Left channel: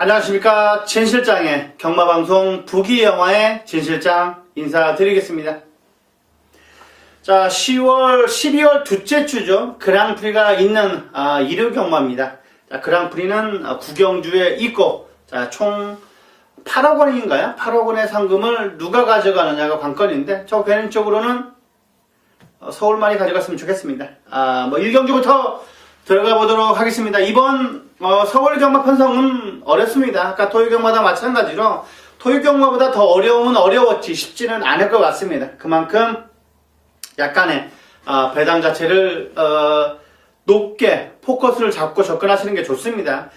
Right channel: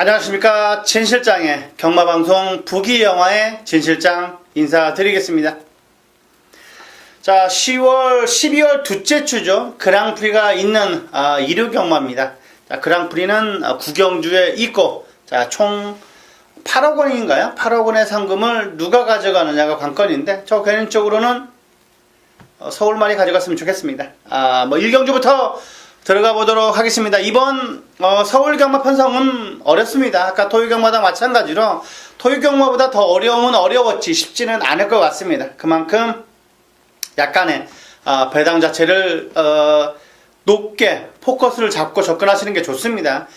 안녕하십니까. 진실장의 경마방송 부기영화의 진실장 인사드리겠습니다. 자, 12월 둘째 주죠. 그랑프리가 있는 일요 경마입니다. 자, 그랑프리는 구경주에 있고, 자, 총 8억 원인가요? 8억 원의 상금을 누가 가져가느냐가 관건인데, 저 개인적으로는 서울말이 가져갔으면 좋겠습니다. 1경주부터 들어가 보도록 하겠습니다. 이번 서울 경마 편성은 어렵습니다. 아까 토요 경마도 마찬가지로 토요 경마보다 더 어려움은 어려웠지 쉽지는 않을 것 같습니다. 그만큼 약간의 배당 자체를 높게 포커스를 잡고 접근하시는 게 좋습니다.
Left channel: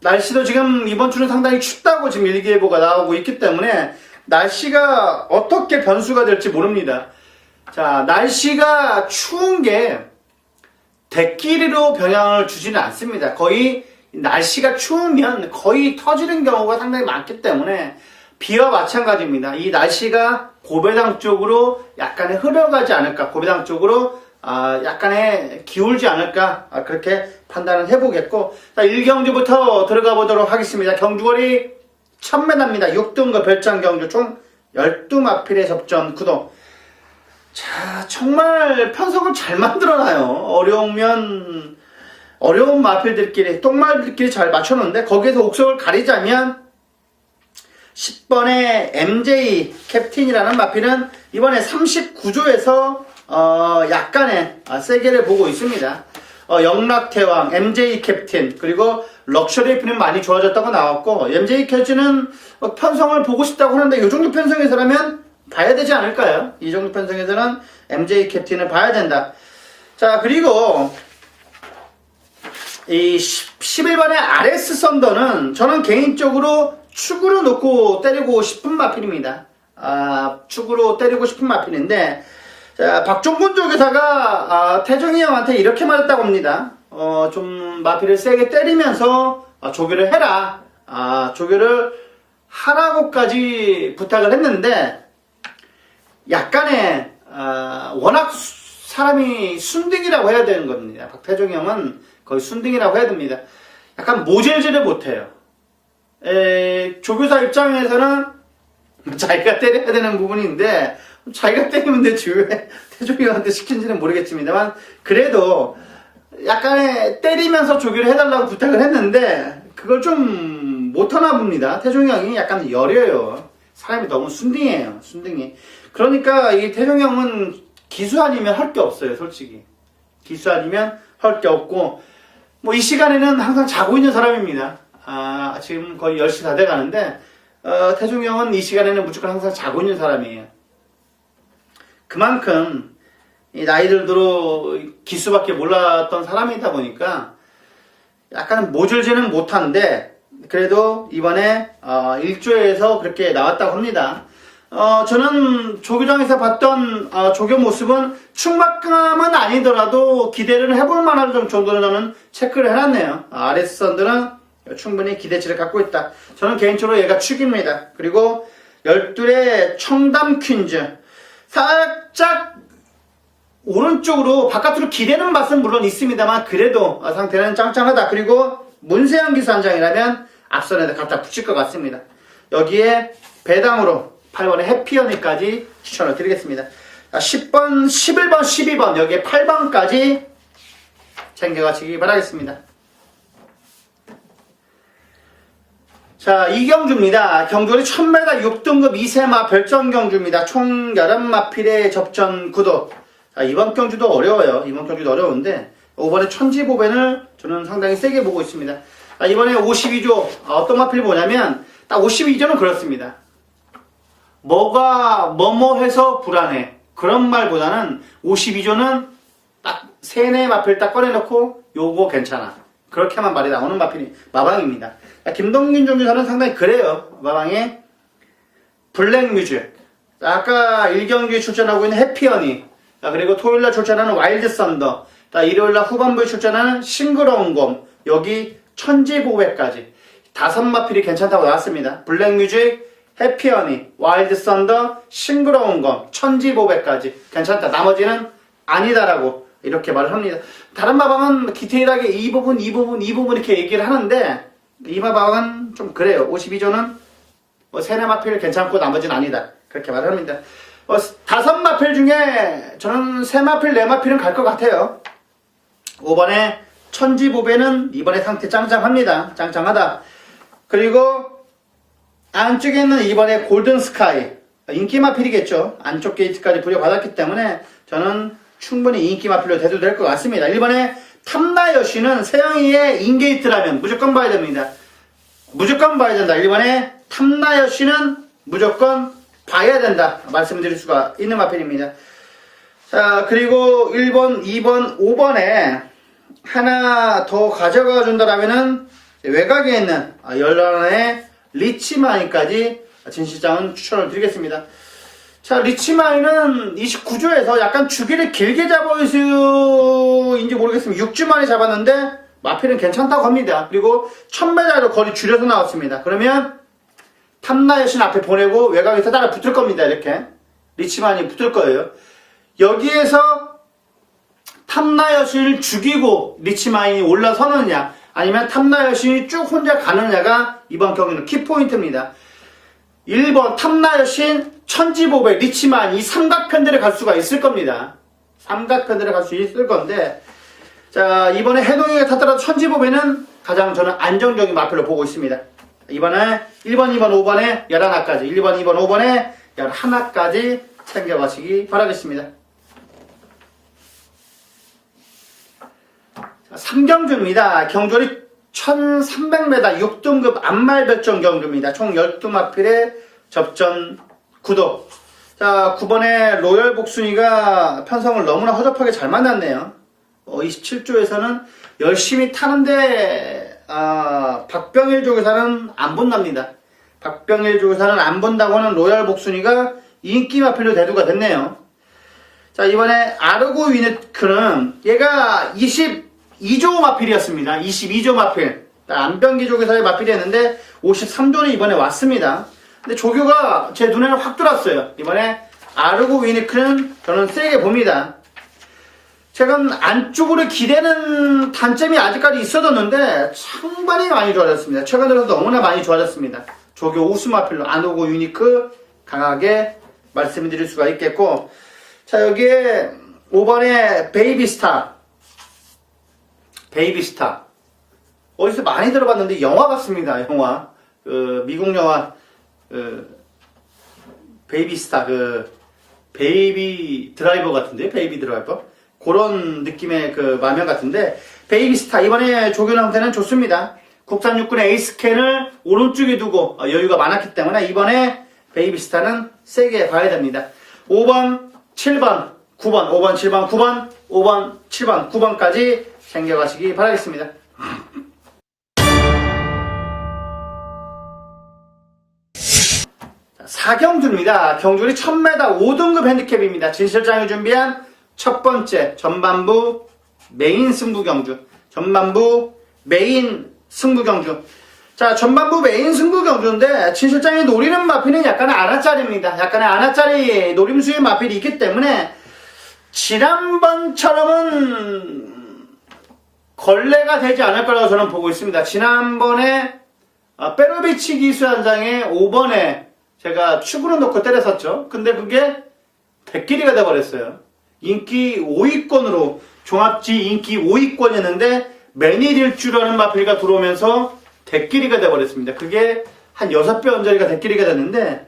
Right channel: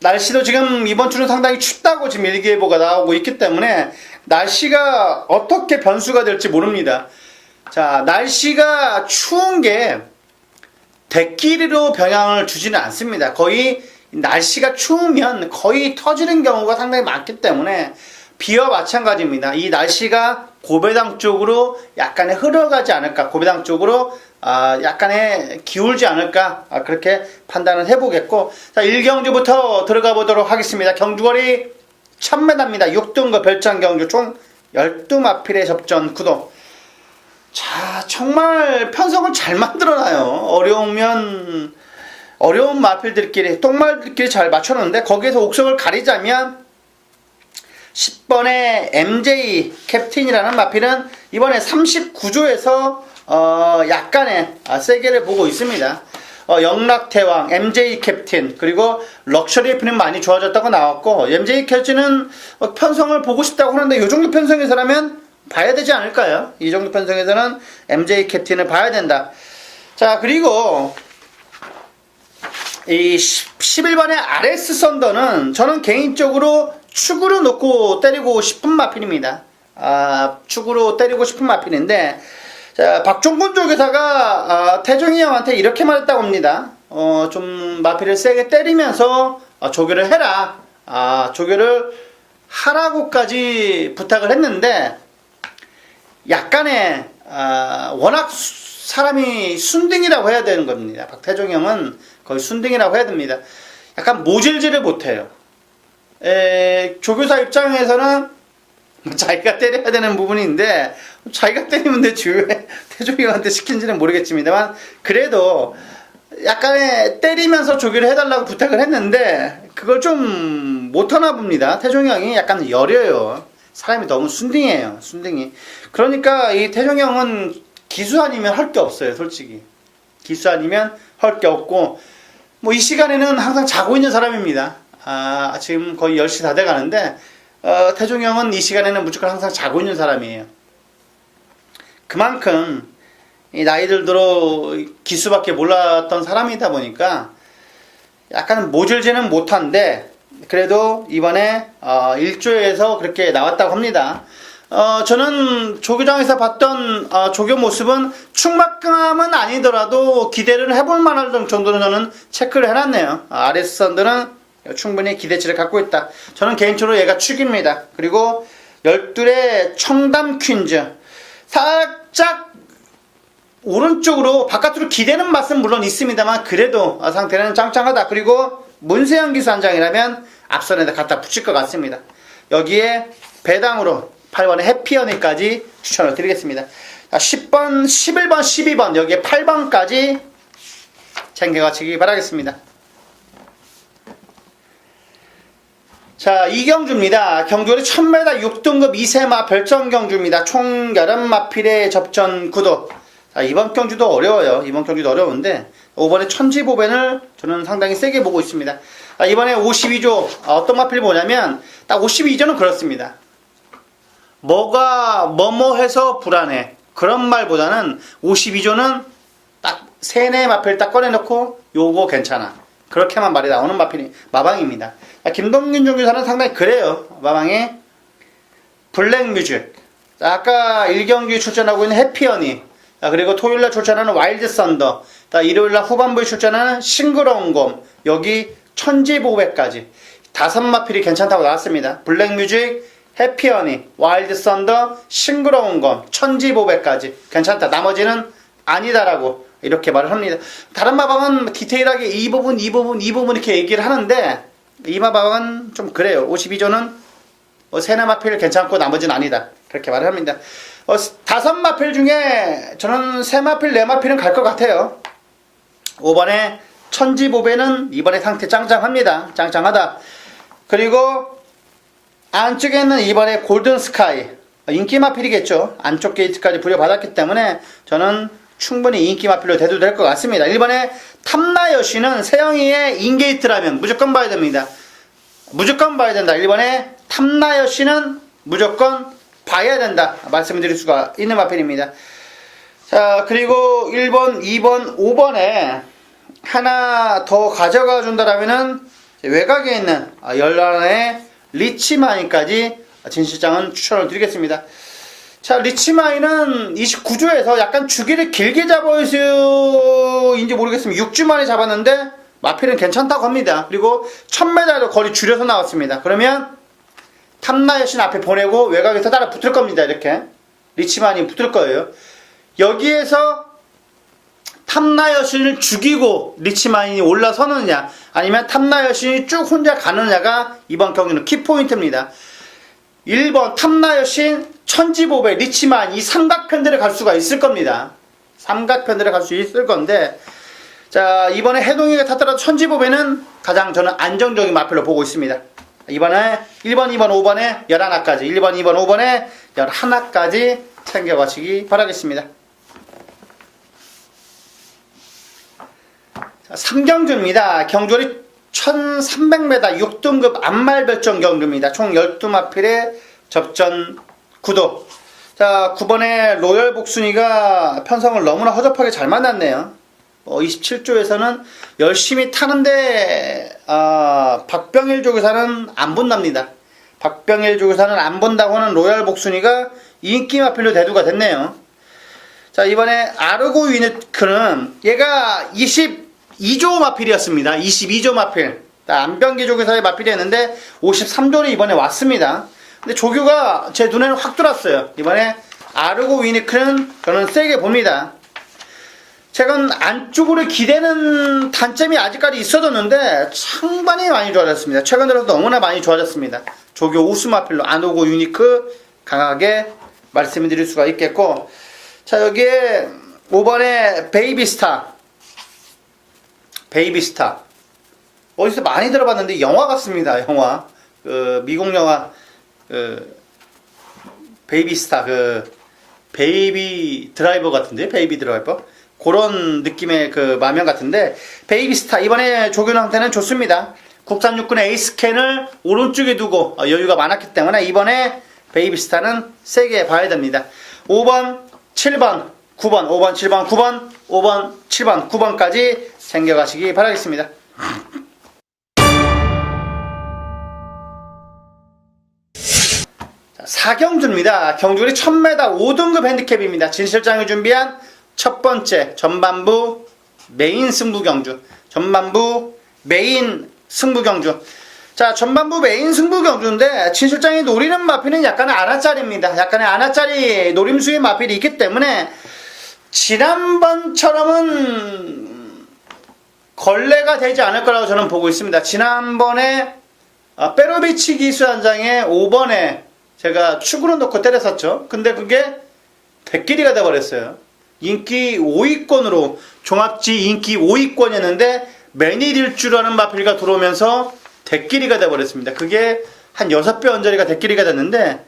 날씨도 지금 이번 주는 상당히 춥다고 지금 일기예보가 나오고 있기 때문에 날씨가 어떻게 변수가 될지 모릅니다. 자, 날씨가 추운 게 대끼리로 영향을 주지는 않습니다. 거의 날씨가 추우면 거의 터지는 경우가 상당히 많기 때문에 비와 마찬가지입니다. 이 날씨가 고배당 쪽으로 약간의 흘러가지 않을까, 고배당 쪽으로 약간의 기울지 않을까, 그렇게 판단을 해보겠고, 자, 1경주부터 들어가 보도록 하겠습니다. 경주거리 1000m입니다. 6등급 별장 경주 총 12마필의 접전 구도. 자, 정말 편성을 잘 만들어놔요. 어려운 마필들끼리, 똥말들끼리 잘 맞춰놓는데, 거기에서 옥석을 가리자면 10번의 MJ 캡틴이라는 마필은 이번에 39조에서 약간의 세게를 보고 있습니다. 영락대왕, MJ 캡틴, 그리고 럭셔리 필은 많이 좋아졌다고 나왔고, MJ 캡틴은 편성을 보고 싶다고 하는데 이 정도 편성에서라면 봐야 되지 않을까요? 이 정도 편성에서는 MJ 캡틴을 봐야 된다. 자, 그리고 이 11번의 RS 썬더는 저는 개인적으로 축으로 놓고 때리고 싶은 마필입니다. 축으로 때리고 싶은 마필인데, 자, 박종근 조교사가 태종이 형한테 이렇게 말했다고 합니다. 좀 마필을 세게 때리면서 조교를 해라. 조교를 하라고까지 부탁을 했는데, 약간의 워낙 사람이 순딩이라고 해야 되는 겁니다. 박태종 형은 거의 순딩이라고 해야 됩니다. 약간 모질지를 못해요. 조교사 입장에서는 자기가 때려야 되는 부분인데 자기가 때리면 되지 왜 태종이 형한테 시킨지는 모르겠습니다만, 그래도 약간의 때리면서 조교를 해달라고 부탁을 했는데 그걸 좀 못하나 봅니다. 태종이 형이 약간 여려요. 사람이 너무 순딩이에요. 순딩이. 그러니까 이 태종이 형은 기수 아니면 할 게 없어요. 솔직히 기수 아니면 할 게 없고, 뭐 이 시간에는 항상 자고 있는 사람입니다. 지금 거의 10시 다 돼가는데 태종이 형은 이 시간에는 무조건 항상 자고 있는 사람이에요. 그만큼 이 나이 들도록 기수밖에 몰랐던 사람이다 보니까 약간 모질지는 못한데, 그래도 이번에 1조에서 그렇게 나왔다고 합니다. 저는 조교장에서 봤던 조교 모습은 충막감은 아니더라도 기대를 해볼 만한 정도는 저는 체크를 해놨네요. RS 썬더는 충분히 기대치를 갖고 있다. 저는 개인적으로 얘가 축입니다. 그리고 12의 청담 퀸즈, 살짝 오른쪽으로 바깥으로 기대는 맛은 물론 있습니다만 그래도 상태는 짱짱하다. 그리고 문세영 기수 한 장이라면 앞선에다 갖다 붙일 것 같습니다. 여기에 배당으로 8번의 해피언니까지 추천을 드리겠습니다. 자, 10번, 11번, 12번 여기에 8번까지 챙겨가시기 바라겠습니다. 자, 이경주입니다. 경주거리 1000m 6등급 2세마 별정 경주입니다. 총 11마필의 접전 구도. 자, 이번 경주도 어려워요. 이번 경주도 어려운데 이번에 천지보벤을 저는 상당히 세게 보고 있습니다. 이번에 52조 어떤 마필이 뭐냐면 딱 52조는 그렇습니다. 뭐뭐 해서 불안해 그런 말보다는 52조는 딱 세네 마필 딱 꺼내놓고 요거 괜찮아 그렇게만 말이 나오는 마방입니다. 김동균 정교사는 상당히 그래요. 마방에 블랙뮤직, 아까 1경기 출전하고 있는 해피언니, 그리고 토요일날 출전하는 와일드 썬더, 일요일날 후반부에 출전하는 싱그러운 곰, 여기 천지보배까지 5마필이 괜찮다고 나왔습니다. 블랙뮤직, 해피언니, 와일드 썬더, 싱그러운 곰, 천지보배까지 괜찮다. 나머지는 아니다라고 이렇게 말을 합니다. 다른 마방은 디테일하게 이 부분 이렇게 얘기를 하는데 이마방은 좀 그래요. 52조는 세마필 괜찮고 나머지는 아니다. 그렇게 말을 합니다. 5마필 중에 저는 세마필, 네마필은 갈 것 같아요. 5번에 천지보배는 이번에 상태 짱짱합니다. 짱짱하다. 그리고 안쪽에는 이번에 골든스카이, 인기 마필이겠죠. 안쪽 게이트까지 부여받았기 때문에 저는 충분히 인기 마필로 대도 될 것 같습니다. 1번에 탐나여시는 세영이의 인게이트라면 무조건 봐야 됩니다. 무조건 봐야 된다. 1번에 탐나여시는 무조건 봐야 된다. 말씀을 드릴 수가 있는 마필입니다. 자, 그리고 1번, 2번, 5번에 하나 더 가져가 준다라면은 외곽에 있는 열라나의 리치마인까지 진실장은 추천을 드리겠습니다. 자, 리치마인은 29조에서 약간 주기를 길게 잡아서인지 모르겠습니다. 6주 만에 잡았는데 마필은 괜찮다고 합니다. 그리고 1000m로 거리 줄여서 나왔습니다. 그러면 탐나여신 앞에 보내고 외곽에서 따라 붙을 겁니다. 이렇게 리치마인이 붙을 거예요. 여기에서 탐나여신을 죽이고 리치마인이 올라서느냐 아니면 탐나여신이 쭉 혼자 가느냐가 이번 경기는 키포인트입니다. 1번 탐나여신, 천지보배, 리치마인 이 삼각편들에 갈 수가 있을 겁니다. 삼각편들에 갈 수 있을 건데, 자, 이번에 해동이가 탔더라도 천지보배는 가장 저는 안정적인 마필로 보고 있습니다. 이번에 1번, 2번, 5번에 11까지 1번, 2번, 5번에 11까지 챙겨가시기 바라겠습니다. 자, 3경주입니다. 경주리 1300m 6등급 안말별정 경주입니다. 총 12마필의 접전 구도. 자, 9번에 로열 복순이가 편성을 너무나 허접하게 잘 만났네요. 27조에서는 열심히 타는데 박병일 조교사는 안 본답니다. 박병일 조교사는 안 본다고 하는 로열 복순이가 인기 마필로 대두가 됐네요. 자, 이번에 아르고 유니크는 얘가 22조 마필이었습니다. 22조 마필. 안병기 조교사의 마필이었는데 53조를 이번에 왔습니다. 근데 조교가 제 눈에는 확 들어왔어요. 이번에 아르고 위니크는 저는 세게 봅니다. 최근 안쪽으로 기대는 단점이 아직까지 있어졌는데 상당히 많이 좋아졌습니다. 최근 들어서 너무나 많이 좋아졌습니다. 조교 우수 마필로 아르고 유니크 강하게 말씀드릴 수가 있겠고, 자, 여기에 5번에 베이비스타. 어디서 많이 들어봤는데 영화 같습니다. 영화 미국 영화 베이비스타 베이비 드라이버 같은데, 베이비 드라이버 그런 느낌의 마면 같은데, 베이비스타 이번에 조교한테는 좋습니다. 국산 육군의 에이스캔을 오른쪽에 두고 여유가 많았기 때문에 이번에 베이비스타는 세게 봐야 됩니다. 5번, 7번, 9번, 5번, 7번, 9번, 5번, 7번, 9번까지 챙겨가시기 바라겠습니다. 자, 4경주입니다. 경주리 1000m 5등급 핸디캡입니다. 진실장이 준비한 첫 번째 전반부 메인 승부 경주. 전반부 메인 승부 경주. 자, 전반부 메인 승부 경주인데 진실장이 노리는 마필은 약간의 아나짜리입니다. 약간의 아나짜리 노림수의 마필이 있기 때문에 지난번처럼은 걸레가 되지 않을 거라고 저는 보고 있습니다. 지난번에 페로비치 기수단장의 5번에 제가 축으로 놓고 때렸었죠. 근데 그게 백길이가 돼버렸어요. 인기 5위권으로 종합지 인기 5위권이었는데 매니릴주라는 마필가 들어오면서 대끼리가 돼버렸습니다. 그게 한 6배 언저리가 대끼리가 됐는데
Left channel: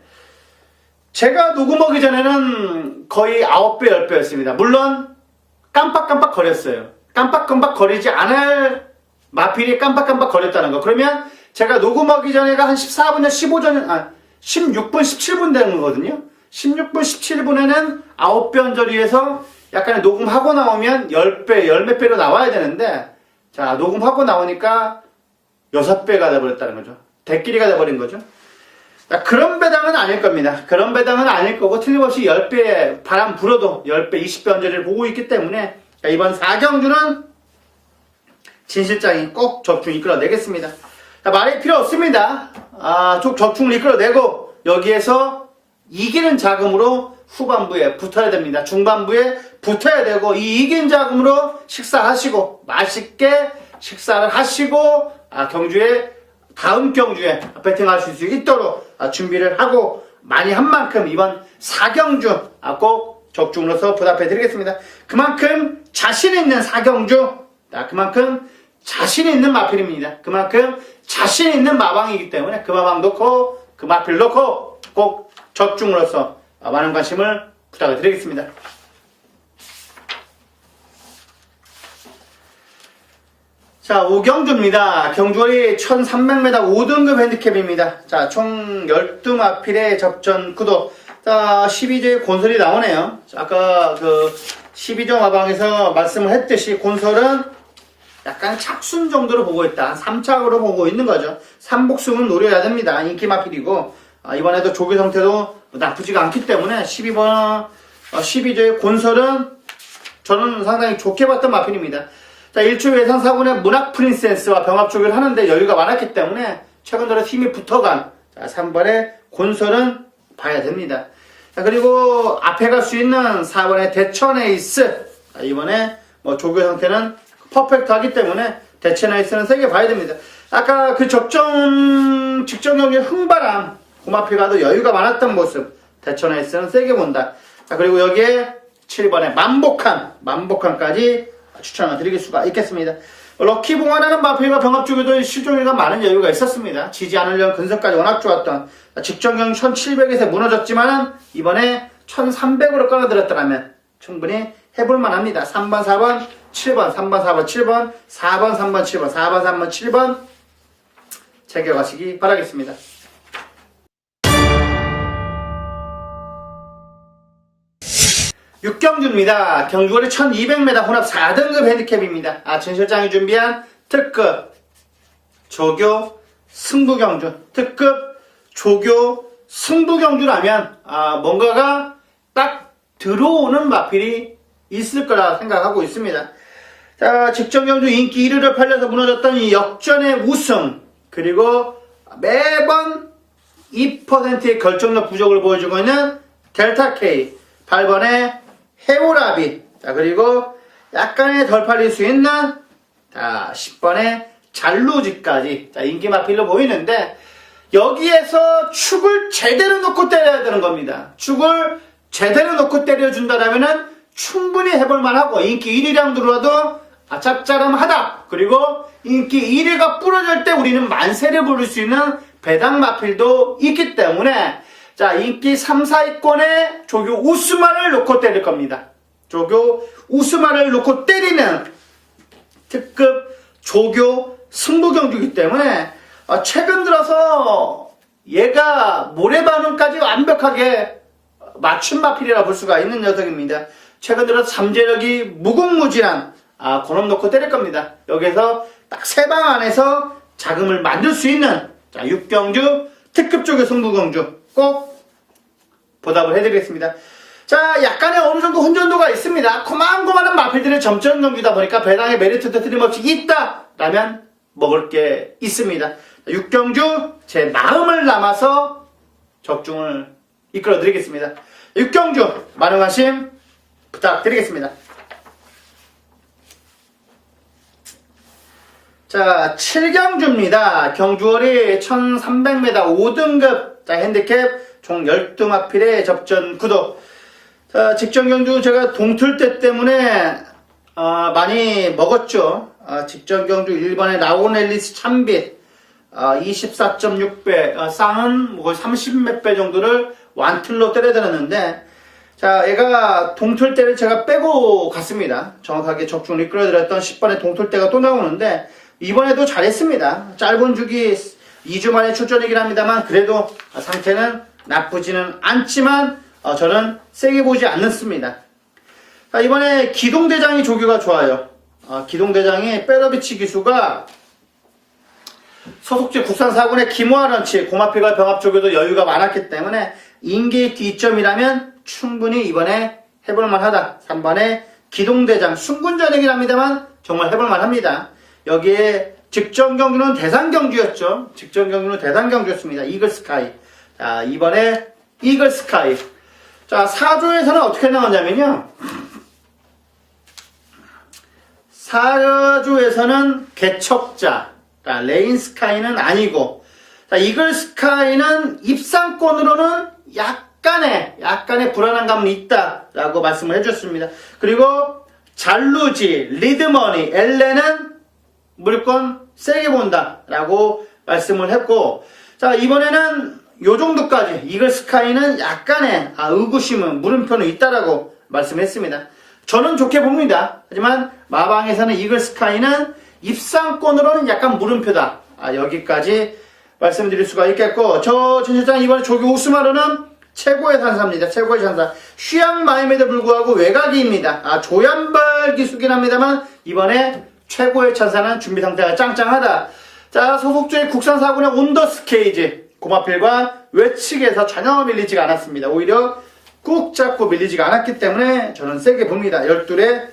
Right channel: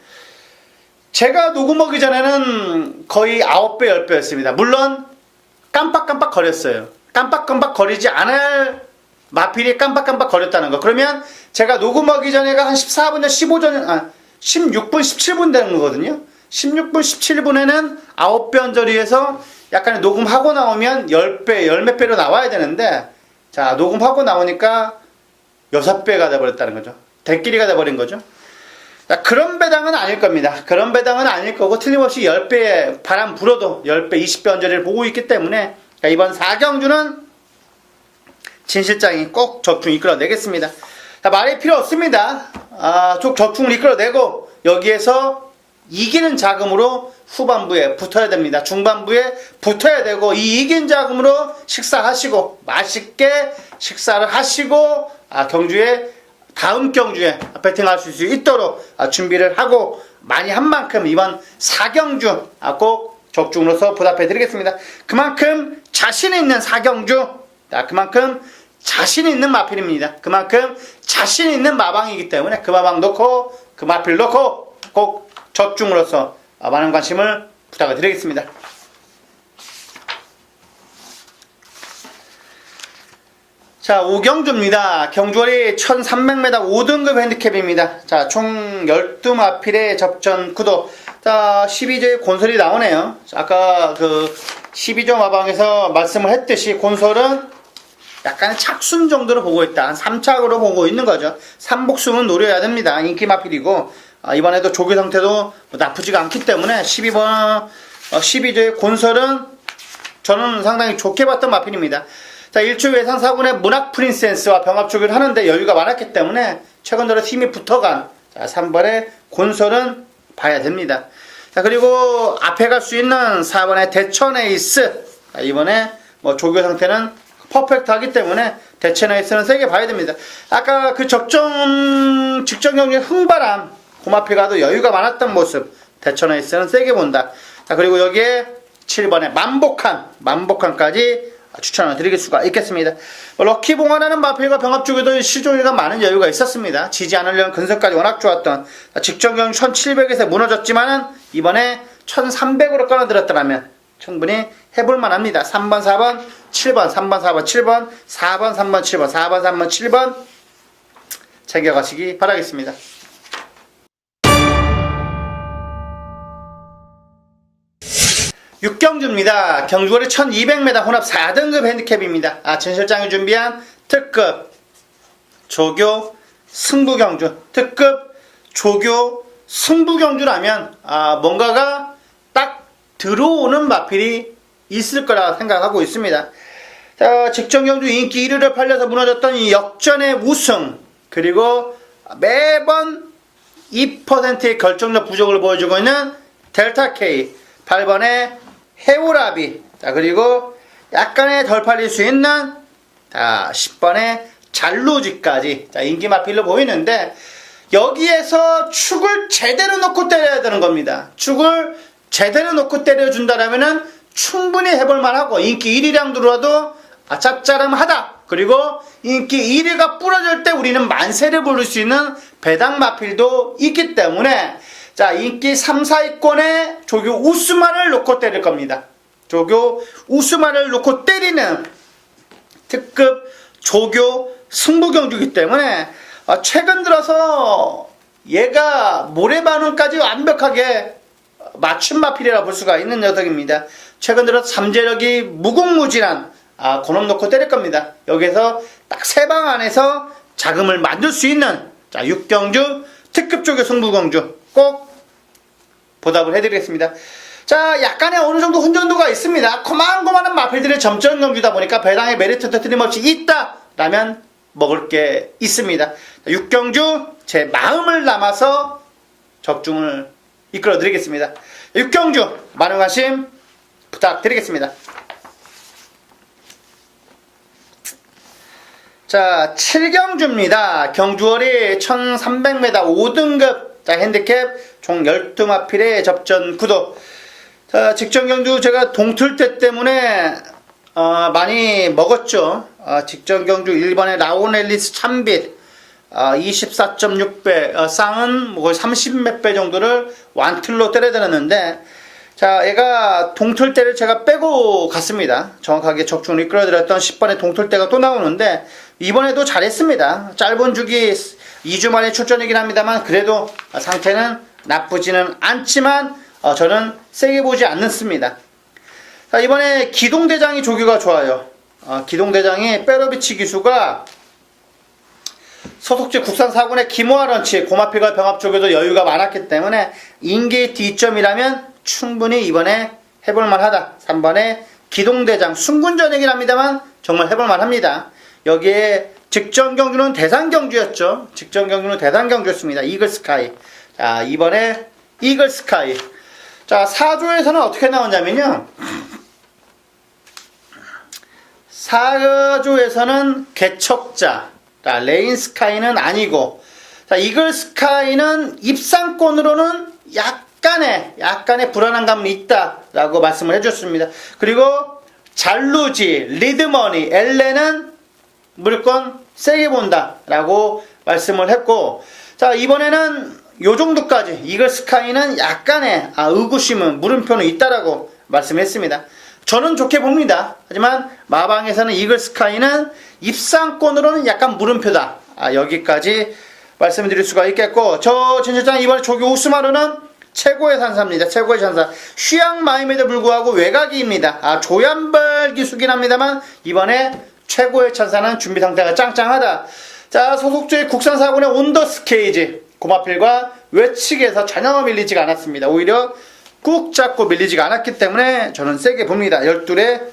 제가 녹음하기 전에는 거의 9배, 10배였습니다. 물론 깜빡깜빡 거렸어요. 깜빡깜빡 거리지 않을 마필이 깜빡깜빡 거렸다는 거. 그러면 제가 녹음하기 전에가 한 14분, 15전, 16분, 17분 되는 거거든요. 16분, 17분에는 9배 언저리에서 약간의 녹음하고 나오면 10배, 10몇 배로 나와야 되는데, 자, 녹음하고 나오니까 6배가 돼버렸다는 거죠. 대끼리가 돼버린 거죠. 자, 그런 배당은 아닐 겁니다. 그런 배당은 아닐 거고, 틀림없이 10배의 바람 불어도 10배, 20배 언저리를 보고 있기 때문에, 자, 이번 4경주는 진실장이 꼭 적중 이끌어내겠습니다. 자, 말이 필요 없습니다. 쭉 적중을 이끌어내고, 여기에서 이기는 자금으로 후반부에 붙어야 됩니다. 중반부에 붙어야 되고, 이 이긴 자금으로 식사하시고, 맛있게 식사를 하시고, 경주에 다음 경주에 배팅할 수 있도록 준비를 하고 많이 한 만큼 이번 4경주 꼭 적중으로서 보답해 드리겠습니다. 그만큼 자신 있는 4경주, 그만큼 자신 있는 마필입니다. 그만큼 자신 있는 마방이기 때문에 그 마방 놓고 그 마필 놓고 꼭 적중으로서 많은 관심을 부탁을 드리겠습니다. 자, 5경주입니다. 경주월이 1300m 5등급 핸디캡입니다. 자, 총 12마필의 접전 구도. 자, 12조의 곤솔이 나오네요. 자, 아까 그 12조 마방에서 말씀을 했듯이 곤솔은 약간 착순 정도로 보고 있다. 3착으로 보고 있는 거죠. 3복숭은 노려야 됩니다. 인기 마필이고, 이번에도 조교 상태도 나쁘지가 않기 때문에 12조의 곤솔은 저는 상당히 좋게 봤던 마필입니다. 자, 1주 예상 4군의 문학 프린세스와 병합 조교를 하는데 여유가 많았기 때문에 최근 들어 힘이 붙어간 3번의 곤솔은 봐야 됩니다. 자, 그리고 앞에 갈 수 있는 4번의 대천 에이스. 이번에 조교 상태는 퍼펙트하기 때문에 대천 에이스는 세게 봐야 됩니다. 아까 그 직전 경기 흥바람 고마피가도 여유가 많았던 모습. 대천 에이스는 세게 본다. 자, 그리고 여기에 7번의 만복한까지 추천을 드릴 수가 있겠습니다. 럭키봉화라는 마필과 병합쪽에도 시종일관 많은 여유가 있었습니다. 지지 않으려는 근성까지 워낙 좋았던 직전경 1700에서 무너졌지만은 이번에 1300으로 깔아들었더라면 충분히 해볼만 합니다. 3번, 4번, 7번, 3번, 4번, 7번, 4번, 3번, 7번, 4번, 3번, 7번 챙겨가시기 바라겠습니다. 6경주입니다. 경주월이 1200m 혼합 4등급 핸디캡입니다. 전 실장이 준비한 특급 조교 승부경주, 특급 조교 승부경주라면 뭔가가 딱 들어오는 마필이 있을 거라 생각하고 있습니다. 자, 직전경주 인기 1위를 팔려서 무너졌던 이 역전의 우승, 그리고 매번 2%의 결정력 부족을 보여주고 있는 델타 K, 8번의 해오라비, 자, 그리고 약간의 덜 팔릴 수 있는 10번의 잘루지까지 인기 마필로 보이는데, 여기에서 축을 제대로 놓고 때려야 되는 겁니다. 축을 제대로 놓고 때려준다라면은 충분히 해볼만 하고, 인기 1위량 들어와도 짭짤함하다. 그리고 인기 1위가 부러질 때 우리는 만세를 부를 수 있는 배당 마필도 있기 때문에, 자, 인기 3, 4위권에 조교 우스마를 놓고 때릴 겁니다. 조교 우스마를 놓고 때리는 특급 조교 승부경주이기 때문에 최근 들어서 얘가 모래바늘까지 완벽하게 맞춤 마필이라 볼 수가 있는 녀석입니다. 최근 들어서 잠재력이 무궁무진한 그놈 놓고 때릴 겁니다. 여기서 딱 3방 안에서 자금을 만들 수 있는 6경주 특급 조교 승부경주 꼭 보답을 해드리겠습니다. 자, 약간의 어느 정도 혼전도가 있습니다. 고만고만한 마필들의 점점 경주다 보니까 배당의 메리트도 틀림없이 있다라면 먹을 게 있습니다. 6경주 제 마음을 담아서 적중을 이끌어 드리겠습니다. 6경주 많은 관심 부탁드리겠습니다. 자, 7경주입니다. 경주월이 1300m 5등급 핸디캡 총 12마필의 접전 구도. 자, 직전 경주 제가 동틀대 때문에 많이 먹었죠. 직전 경주 1번의 라오넬리스 참빛 24.6배, 쌍은 뭐 30몇 배 정도를 완틀로 때려드렸는데, 자, 얘가 동틀대를 제가 빼고 갔습니다. 정확하게 적중을 이끌어드렸던 10번의 동틀대가 또 나오는데, 이번에도 잘했습니다. 짧은 주기 2주 만에 출전이긴 합니다만, 그래도 상태는 나쁘지는 않지만, 저는 세게 보지 않습니다. 자, 이번에 기동대장이 조교가 좋아요. 기동대장이 빼러비치 기수가 소속지 국산 4군의 김호아런치, 고마필과 병합조교도 여유가 많았기 때문에 인기 D점이라면 충분히 이번에 해볼만 하다. 3번의 기동대장, 순군전이긴 합니다만 정말 해볼만 합니다. 여기에 직전 경주는 대상경주였죠. 직전 경주는 대상경주였습니다. 이글스카이. 자, 이번에 이글스카이. 자, 4조에서는 어떻게 나오냐면요. 4조에서는 개척자, 자, 레인 스카이는 아니고, 자, 이글 스카이는 입상권으로는 약간의 불안한 감은 있다라고 말씀을 해줬습니다. 그리고 잘루지, 리드머니, 엘레는 무조건 세게 본다라고 말씀을 했고, 자, 이번에는 요 정도까지 이글 스카이는 약간의 의구심은 물음표는 있다라고 말씀했습니다. 저는 좋게 봅니다. 하지만 마방에서는 이글 스카이는 입상권으로는 약간 물음표다. 여기까지 말씀드릴 수가 있겠고, 저 진실장 이번에 조기 우스마르는 최고의 산사입니다. 최고의 산사. 쉬양 마임에도 불구하고 외곽입니다. 조연발 기수긴 합니다만 이번에 최고의 찬사는 준비 상태가 짱짱하다. 자, 소속주의 국산사군의 온더스케이지 고마필과 외측에서 전혀 밀리지가 않았습니다. 오히려 꾹 잡고 밀리지가 않았기 때문에 저는 세게 봅니다. 12의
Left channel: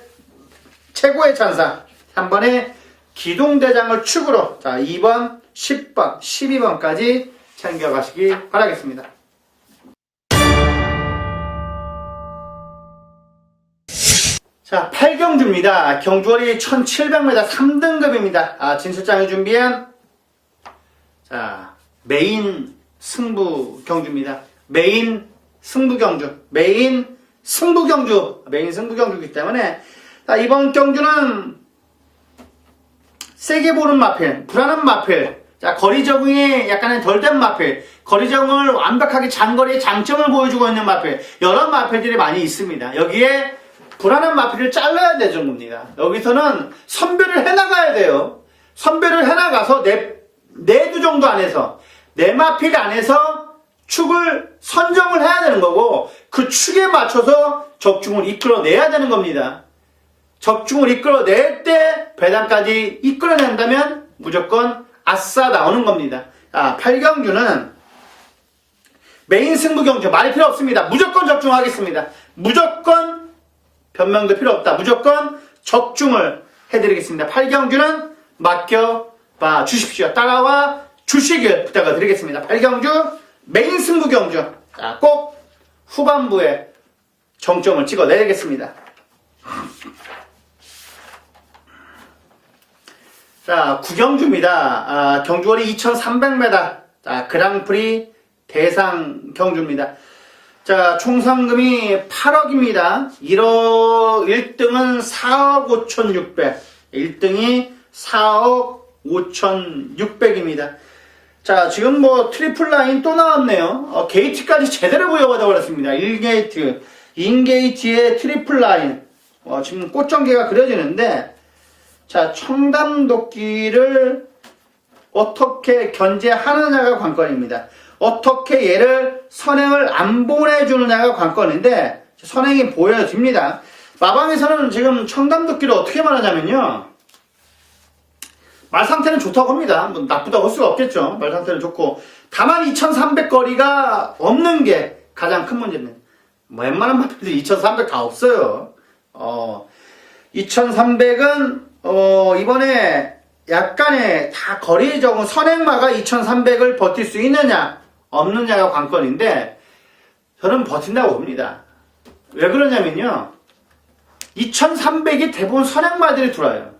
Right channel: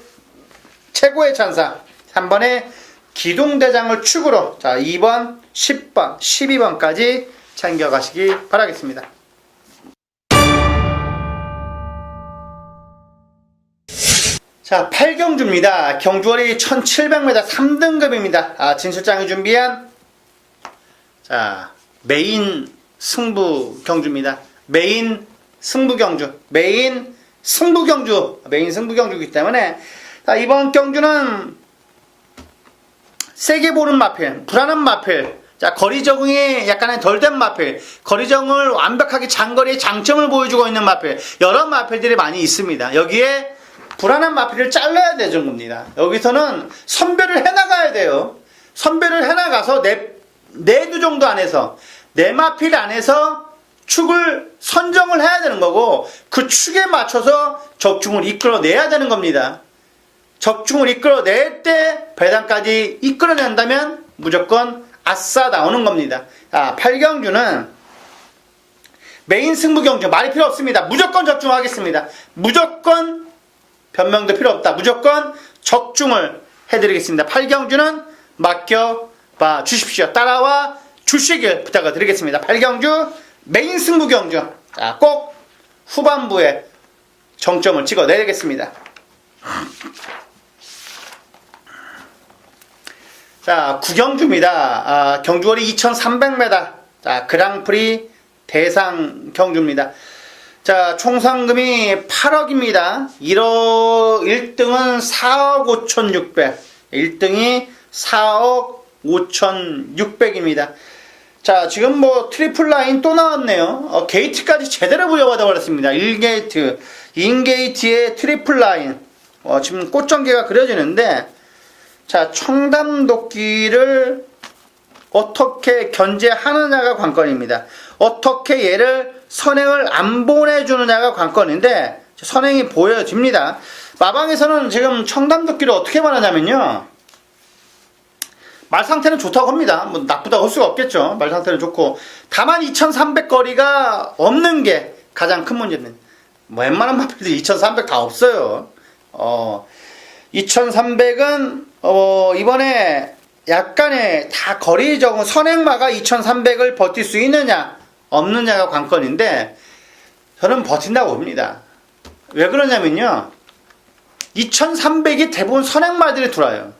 최고의 찬사 3번의 기동대장을 축으로, 자, 2번, 10번, 12번까지 챙겨가시기 바라겠습니다. 자, 8경주입니다. 경주거리 1700m 3등급입니다. 진실장이 준비한, 자, 메인 승부 경주입니다. 메인 승부 경주이기 때문에, 자, 이번 경주는 세게 보는 마필, 불안한 마필, 자, 거리 적응이 약간의 덜 된 마필, 거리 적응을 완벽하게 장거리의 장점을 보여주고 있는 마필, 여러 마필들이 많이 있습니다. 여기에 불안한 마필을 잘라야 되는 겁니다. 여기서는 선별을 해나가야 돼요. 선별을 해나가서 네 두 정도 안에서, 네 마필 안에서 축을 선정을 해야 되는 거고, 그 축에 맞춰서 적중을 이끌어내야 되는 겁니다. 적중을 이끌어낼 때 배당까지 이끌어낸다면 무조건 아싸 나오는 겁니다. 8경주는 메인 승부 경주 말이 필요 없습니다. 무조건 적중하겠습니다. 무조건 변명도 필요 없다. 무조건 적중을 해드리겠습니다. 8경주는 맡겨봐 주십시오. 따라와 주시길 부탁을 드리겠습니다. 8경주 메인 승부 경주, 자, 꼭 후반부에 정점을 찍어내야겠습니다. 자, 9경주입니다. 경주거리 2300m, 자, 그랑프리 대상 경주입니다. 자, 총 상금이 8억입니다. 1등은 4억 5,600, 1등이 4억 5,600입니다. 자, 지금 뭐 트리플 라인 또 나왔네요. 게이트까지 제대로 부여가 되어버렸습니다. 1게이트, 인게이트의 트리플 라인. 지금 꽃전개가 그려지는데, 자, 청담도끼를 어떻게 견제하느냐가 관건입니다. 어떻게 얘를 선행을 안 보내주느냐가 관건인데, 선행이 보여집니다. 마방에서는 지금 청담도끼를 어떻게 말하냐면요, 말 상태는 좋다고 합니다. 뭐 나쁘다고 할 수가 없겠죠. 말 상태는 좋고, 다만 2300 거리가 없는 게 가장 큰 문제입니다. 뭐 웬만한 마필들 2300 다 없어요. 2300은 이번에 약간의 다 거리 적은 선행마가 2300을 버틸 수 있느냐 없느냐가 관건인데, 저는 버틴다고 봅니다. 왜 그러냐면요, 2300이 대부분 선행마들이 돌아요.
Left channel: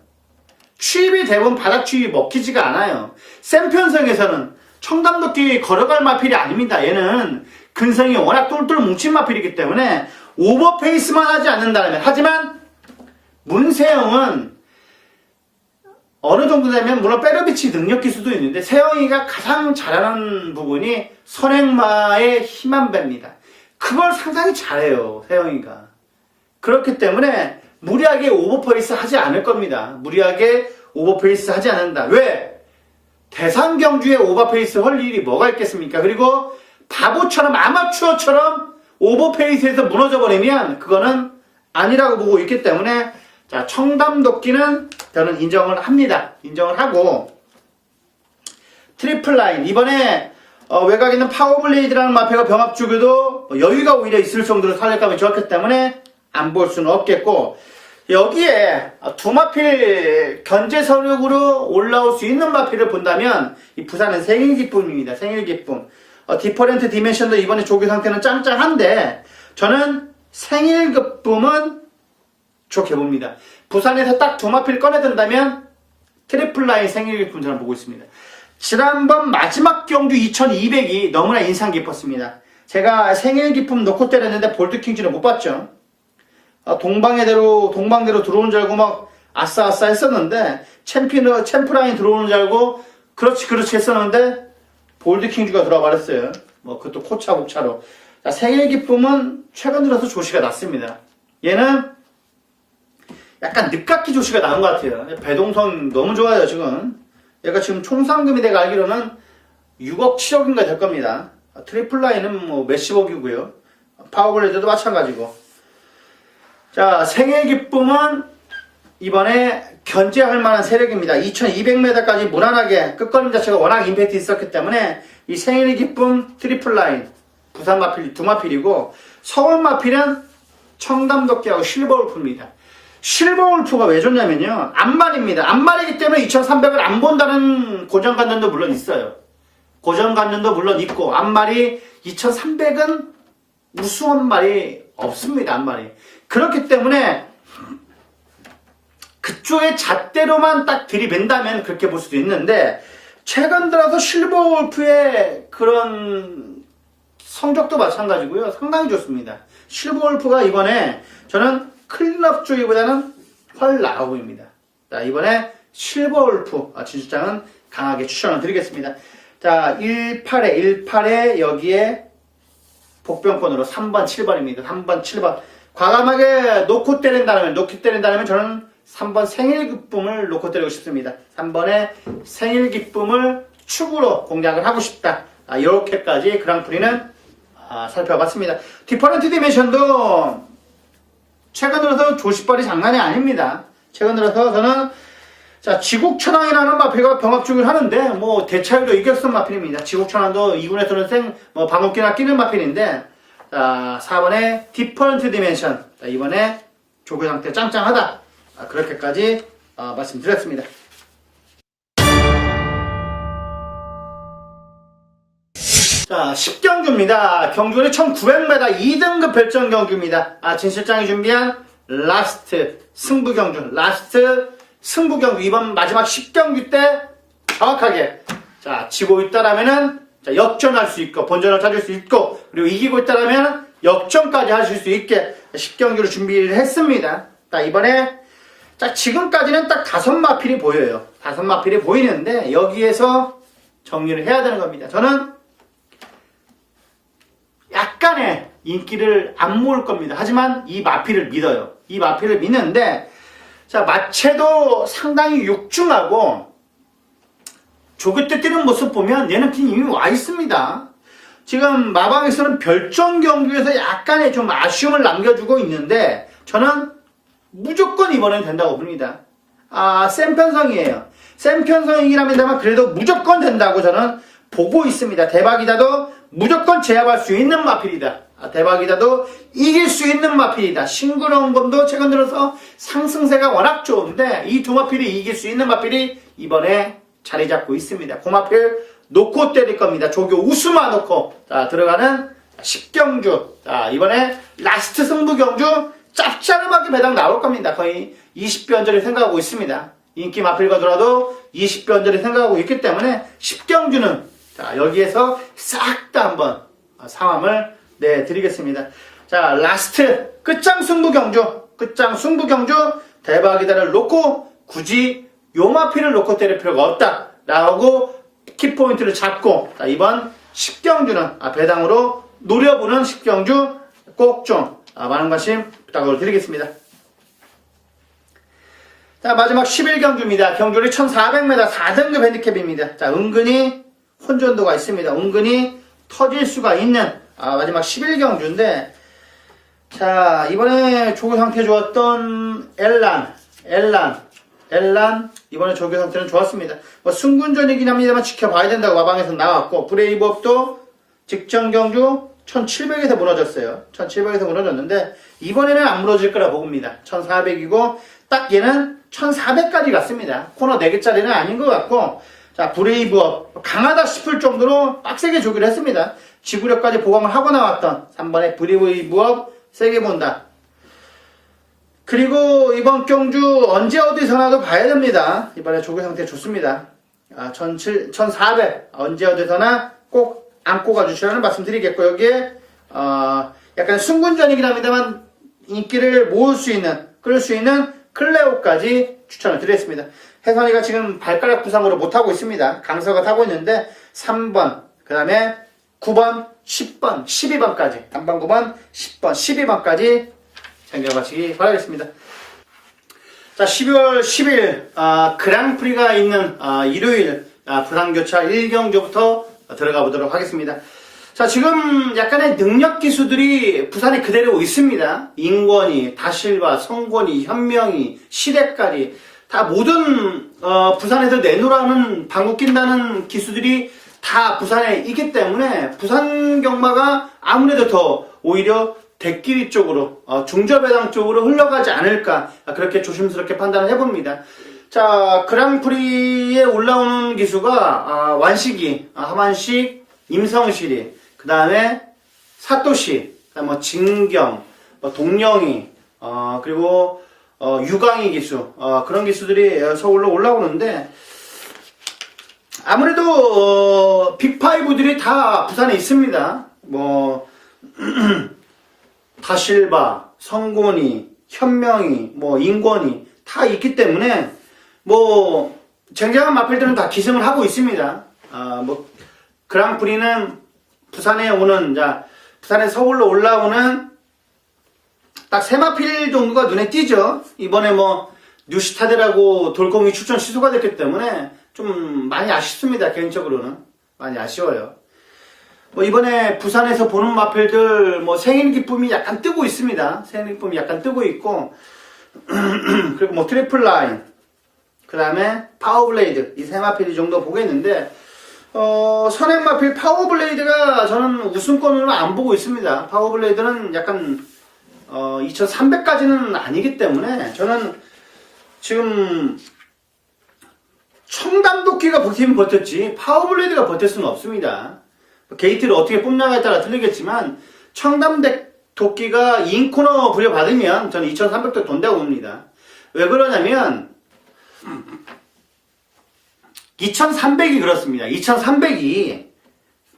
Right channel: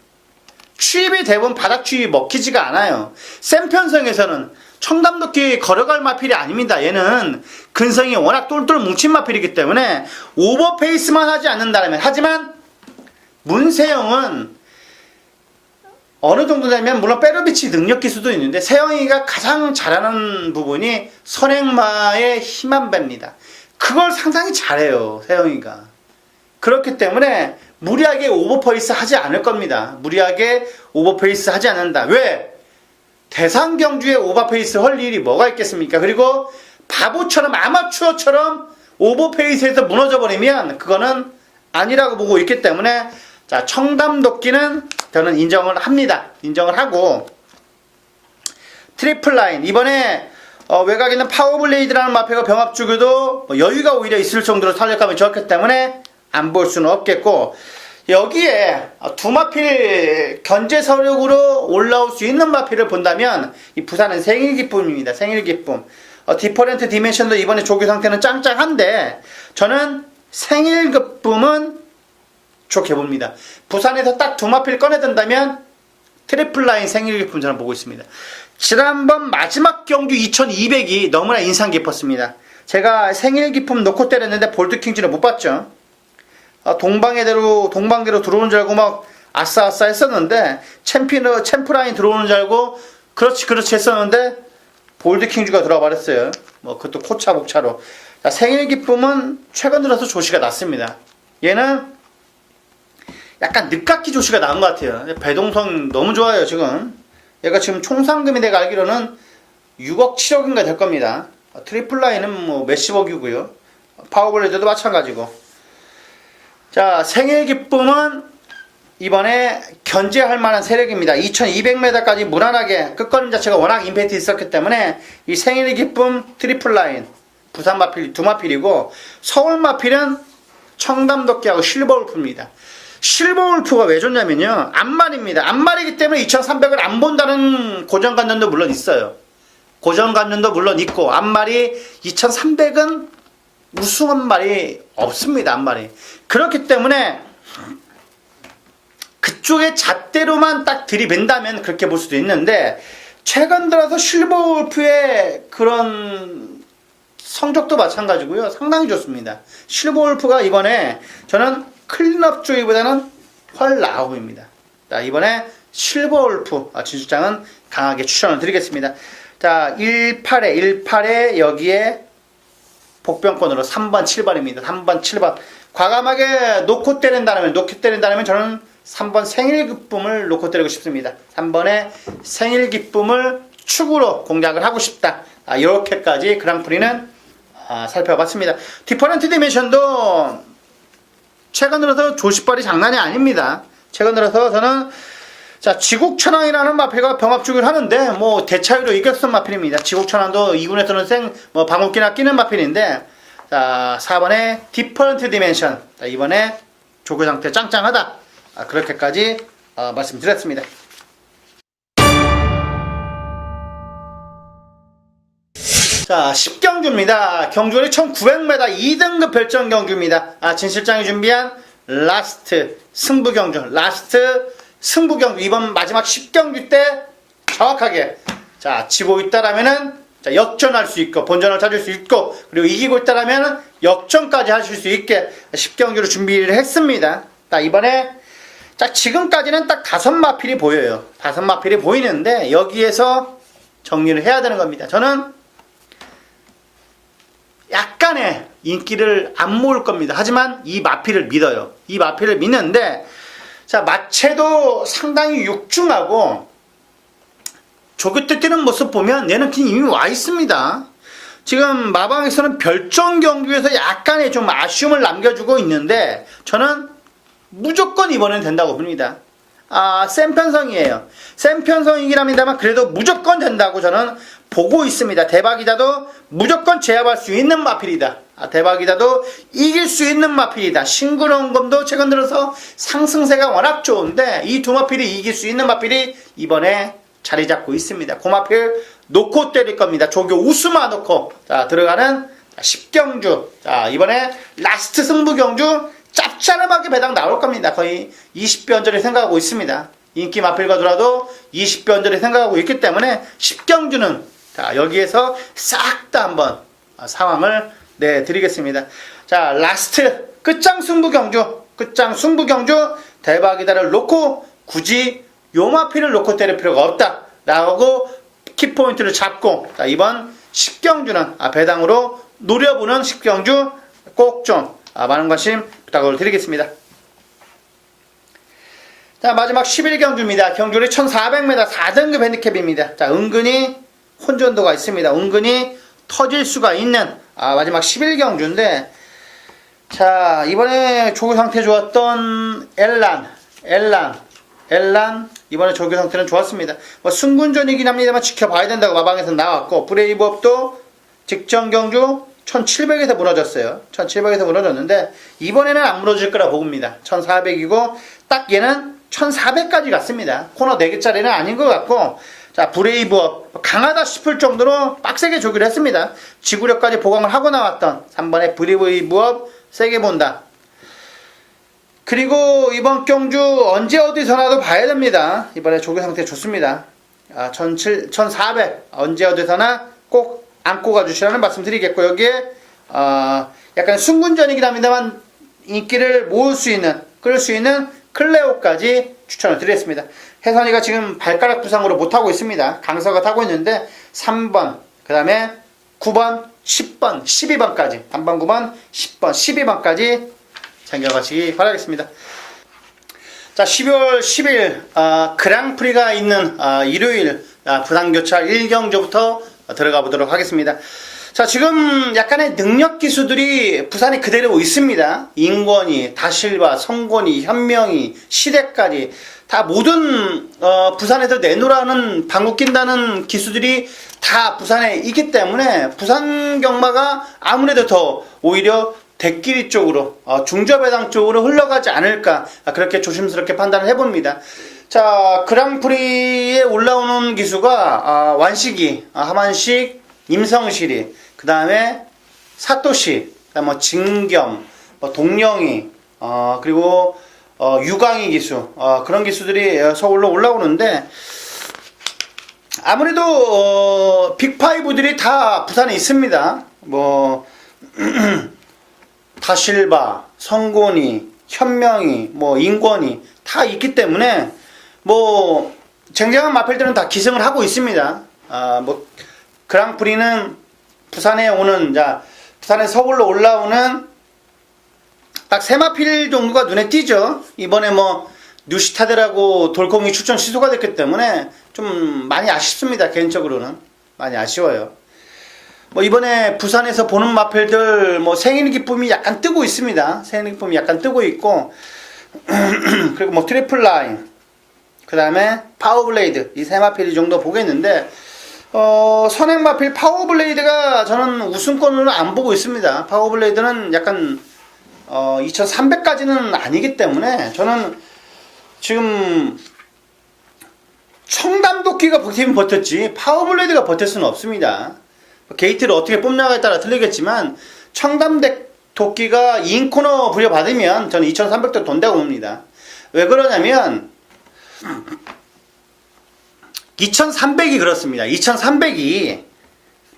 추입이 대부분 바닥 추입이 먹히지가 않아요. 센 편성에서는 청담도끼 걸어갈 마필이 아닙니다. 얘는 근성이 워낙 똘똘 뭉친 마필이기 때문에 오버페이스만 하지 않는다면, 하지만 문세영은 어느 정도 되면 물론 빼르비치 능력일 수도 있는데, 세영이가 가장 잘하는 부분이 선행마의 힘한 배입니다. 그걸 상당히 잘해요, 세영이가. 그렇기 때문에 무리하게 오버페이스 하지 않을 겁니다. 무리하게 오버페이스 하지 않는다. 왜? 대상 경주에 오버페이스 할 일이 뭐가 있겠습니까? 그리고 바보처럼 아마추어처럼 오버페이스에서 무너져 버리면 그거는 아니라고 보고 있기 때문에, 자, 청담도끼는 저는 인정을 합니다. 인정을 하고, 트리플 라인 이번에 외곽에 있는 파워블레이드라는 마필과 병합주기도 여유가 오히려 있을 정도로 탄력감이 좋았기 때문에 안 볼 수는 없겠고, 여기에 두 마필 견제 서력으로 올라올 수 있는 마필을 본다면 이 부산은 생일기쁨입니다. 생일기쁨. 디퍼런트 디멘션도 이번에 조교 상태는 짱짱한데, 저는 생일기쁨은 좋게 봅니다. 부산에서 딱 두 마필 꺼내든다면 트리플 라인 생일 기쁨 저는 보고 있습니다. 지난번 마지막 경주 2200이 너무나 인상 깊었습니다. 제가 생일 기쁨 놓고 때렸는데 볼드킹즈는 못 봤죠. 동방대로 들어오는 줄 알고 막 아싸아싸 했었는데 챔프 라인 들어오는 줄 알고 그렇지 했었는데 볼드킹즈가 들어와 버렸어요. 뭐 그것도 코차복차로. 자, 생일 기쁨은 최근 들어서 조시가 났습니다. 얘는 약간 늦깎이 조시가 나은 것 같아요. 배동성 너무 좋아요 지금. 얘가 지금 총 상금이 내가 알기로는 6억 7억인가 될 겁니다. 트리플 라인은 뭐 몇십억이고요. 파워블레드도 마찬가지고. 자, 생일 기쁨은 이번에 견제할 만한 세력입니다. 2200m까지 무난하게 끝걸림 자체가 워낙 임팩트 있었기 때문에 이 생일 기쁨 트리플 라인 부산 마필 두 마필이고, 서울 마필은 청담도끼하고 실버울프입니다. 실버울프가 왜 좋냐면요, 안말입니다. 안말이기 때문에 2300을 안 본다는 고정관념도 물론 있어요. 고정관념도 물론 있고, 안말이 2300은 우수한 말이 없습니다. 안말이. 그렇기 때문에 그쪽의 잣대로만 딱 들이맨다면 그렇게 볼 수도 있는데, 최근 들어서 실버울프의 그런 성적도 마찬가지고요. 상당히 좋습니다. 실버울프가 이번에 저는 클린업 쪽보다는 훨 나아 보입니다. 자, 이번에 실버울프 진실장은 강하게 추천을 드리겠습니다. 자, 18에 여기에 복병권으로 3번 7번입니다. 3번 7번 과감하게 놓고 때린다면 저는 3번 생일 기쁨을 놓고 때리고 싶습니다. 3번의 생일 기쁨을 축으로 공략을 하고 싶다. 이렇게까지 그랑프리는 살펴봤습니다. 디퍼런트 디멘션도 최근 들어서 조시발이 장난이 아닙니다. 최근 들어서 저는 지국천왕이라는 마필과 병합 중을 하는데 뭐 대차이로 이겼던 마필입니다. 지국천왕도 2군에서는 방울기나 끼는 마필인데, 자, 4번에 디퍼런트 디멘션, 이번에 조교 상태 짱짱하다. 그렇게까지 말씀드렸습니다. 자, 10경주입니다. 경주는 1900m 2등급 별정 경주입니다. 진실장이 준비한 라스트 승부경주, 이번 마지막 10경주 때 정확하게 지고 있다라면은 역전할 수 있고 본전을 찾을 수 있고, 그리고 이기고 있다라면 역전까지 하실 수 있게 10경주를 준비를 했습니다. 이번에 지금까지는 딱 5마필이 보여요. 5마필이 보이는데 여기에서 정리를 해야 되는 겁니다. 저는 약간의 인기를 안 모을 겁니다. 하지만 이 마필을 믿어요. 이 마필을 믿는데, 마체도 상당히 육중하고 조교 뛰는 모습 보면 얘는 그냥 이미 와 있습니다. 지금 마방에서는 별정 경기에서 약간의 좀 아쉬움을 남겨주고 있는데, 저는 무조건 이번엔 된다고 봅니다. 센 편성이에요. 센 편성이긴 합니다만 그래도 무조건 된다고 저는 보고 있습니다. 대박이다도 무조건 제압할 수 있는 마필이다. 대박이다도 이길 수 있는 마필이다. 싱그러운 검도 최근 들어서 상승세가 워낙 좋은데 이 두 마필이 이길 수 있는 마필이 이번에 자리 잡고 있습니다. 그 마필 놓고 때릴 겁니다. 조교 우수마 놓고 들어가는 10경주. 이번에 라스트 승부 경주 짭짤하게 배당 나올 겁니다. 거의 20변전이 생각하고 있습니다. 인기 마필과 더라도 20변전이 생각하고 있기 때문에 10경주는 여기에서 싹 다 한번 상황을 내드리겠습니다. 라스트 끝장 승부 경주 대박이다를 놓고 굳이 요 마필을 놓고 때릴 필요가 없다 라고 키포인트를 잡고, 이번 10경주는 배당으로 노려보는 10경주 꼭 좀 많은 관심 부탁을 드리겠습니다. 마지막 11경주입니다. 경주는 1400m 4등급 핸디캡입니다. 은근히 혼전도가 있습니다. 은근히 터질 수가 있는 마지막 11경주인데, 이번에 조교 상태 좋았던 엘란 이번에 조교 상태는 좋았습니다. 승군전이긴 합니다만 지켜봐야 된다고 마방에서 나왔고, 브레이브업도 직전 경주 1700에서 무너졌어요. 1700에서 무너졌는데 이번에는 안 무너질 거라 봅니다. 1400이고 딱 얘는 1400까지 갔습니다. 코너 4개짜리는 아닌 것 같고, 브레이브업 강하다 싶을 정도로 빡세게 조기를 했습니다. 지구력까지 보강을 하고 나왔던 3번의 브레이브업 세게 본다. 그리고 이번 경주 언제 어디서나도 봐야 됩니다. 이번에 조교 상태 좋습니다. 1400 언제 어디서나 꼭 안고 가주시라는 말씀 드리겠고, 여기에 약간 순군전이긴 합니다만 인기를 모을 수 있는, 끌 수 있는 클레오까지 추천을 드리겠습니다. 혜선이가 지금 발가락 부상으로 못하고 있습니다. 강서가 타고 있는데 3번, 그 다음에 9번, 10번, 12번까지, 단번 9번, 10번, 12번까지 챙겨가시기 바라겠습니다. 자, 12월 10일 그랑프리가 있는 일요일 부산교차 1경주부터 들어가 보도록 하겠습니다. 자, 지금 약간의 능력 기수들이 부산에 그대로 있습니다. 인권이, 다실바, 성권이, 현명이, 시대까지 다 모든 부산에서 내놓으라는 방구 낀다는 기수들이 다 부산에 있기 때문에 부산 경마가 아무래도 더 오히려 대끼리 쪽으로 중저배당 쪽으로 흘러가지 않을까, 그렇게 조심스럽게 판단을 해봅니다. 자, 그랑프리에 올라오는 기수가 완식이, 하만식, 임성실이, 그 다음에 사토시, 그다음 뭐 진경, 동령이, 그리고 유광희 기수, 그런 기수들이 서울로 올라오는데, 아무래도 빅5들이 다 부산에 있습니다. 뭐 다실바, 성곤이, 현명이, 뭐 인권이 다 있기 때문에 뭐 쟁쟁한 마필들은 다 기승을 하고 있습니다. 뭐 그랑프리는 부산에 오는, 부산에 서울로 올라오는 딱 세 마필 정도가 눈에 띄죠. 이번에 뭐 뉴시타드라고 돌콩이 추천 취소가 됐기 때문에 좀 많이 아쉽습니다. 개인적으로는 많이 아쉬워요. 뭐 이번에 부산에서 보는 마필들 뭐 생일 기쁨이 약간 뜨고 있습니다. 생일 기쁨이 약간 뜨고 있고 그리고 뭐 트리플 라인, 그 다음에 파워블레이드, 이 세 마필 정도 보겠는데 선행 마필 파워블레이드가 저는 우승권으로 안 보고 있습니다. 파워블레이드는 약간 2300까지는 아니기 때문에 저는 지금 청담도끼가 버티면 버텼지 파워블레이드가 버틸 수는 없습니다. 게이트를 어떻게 뽑냐에 따라 틀리겠지만 청담도끼가 인코너 부여받으면 저는 2300도 돈다고 봅니다. 왜 그러냐면 2300이 그렇습니다. 2300이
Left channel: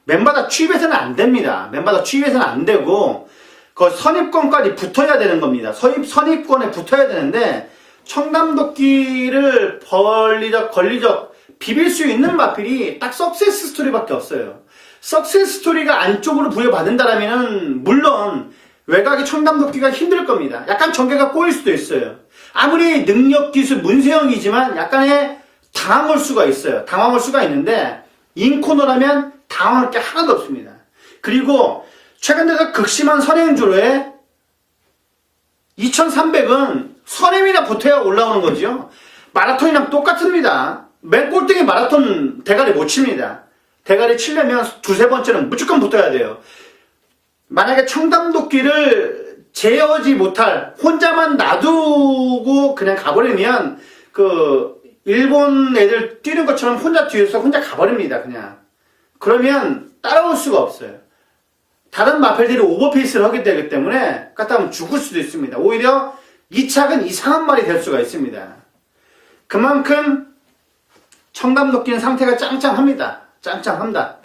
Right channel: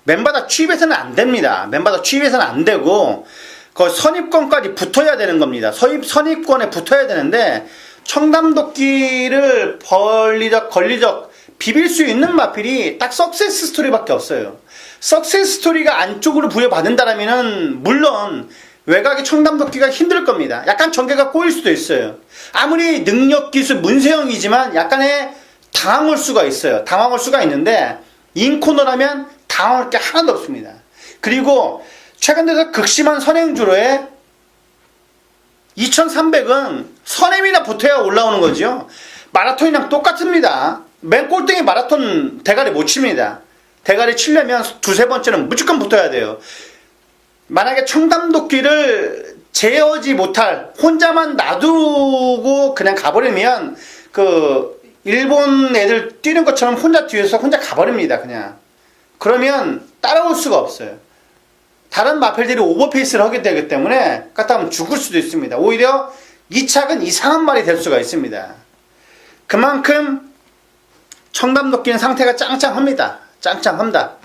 맨바닥 취입해서는 안 됩니다. 맨바닥 취입해서는 안 되고 그 선입권까지 붙어야 되는 겁니다. 선입권에 붙어야 되는데 청담도끼를 권리적 비빌 수 있는 마필이 딱 석세스 스토리밖에 없어요. 석세스 스토리가 안쪽으로 부여받는다라면은 물론 외곽의 청담도끼가 힘들 겁니다. 약간 전개가 꼬일 수도 있어요. 아무리 능력 기수 문세영이지만 약간의 당황할 수가 있어요. 당황할 수가 있는데 인코너라면 당황할 게 하나도 없습니다. 그리고 최근 들어서 극심한 선행주로에 2300은 선임이나 붙어야 올라오는 거죠. 마라톤이랑 똑같습니다. 맨 꼴등이 마라톤 대가리 못 칩니다. 대가리 치려면 두세 번째는 무조건 붙어야 돼요. 만약에 청담도끼를 제어하지 못할, 혼자만 놔두고 그냥 가버리면 그 일본 애들 뛰는 것처럼 혼자 뒤에서 혼자 가버립니다. 그냥 그러면 따라올 수가 없어요. 다른 마필들이 오버페이스를 하게 되기 때문에 갔다 하면 죽을 수도 있습니다. 오히려 이 착은 이상한 말이 될 수가 있습니다. 그만큼 청담도끼는 상태가 짱짱합니다. 짱짱합니다.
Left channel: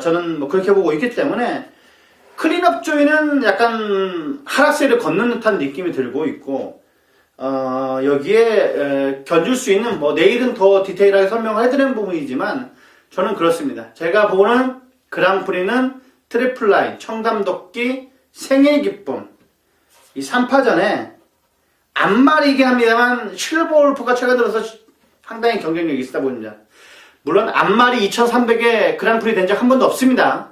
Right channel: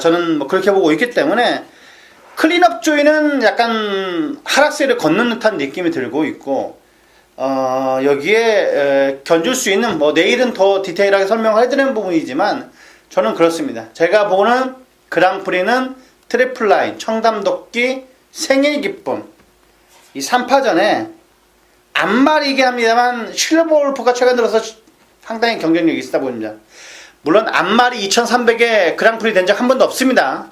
저는 뭐 그렇게 보고 있기 때문에 클린업 조이는 약간 하락세를 걷는 듯한 느낌이 들고 있고, 여기에 견줄 수 있는, 뭐 내일은 더 디테일하게 설명을 해드리는 부분이지만 저는 그렇습니다. 제가 보는 그랑프리는 트리플 라인, 청담도끼, 생일 기쁨, 이 3파전에 안말이긴 합니다만 실버울프가 최근 들어서 상당히 경쟁력이 있다 보입니다. 물론 안말이 2300에 그랑프리 된 적 한 번도 없습니다.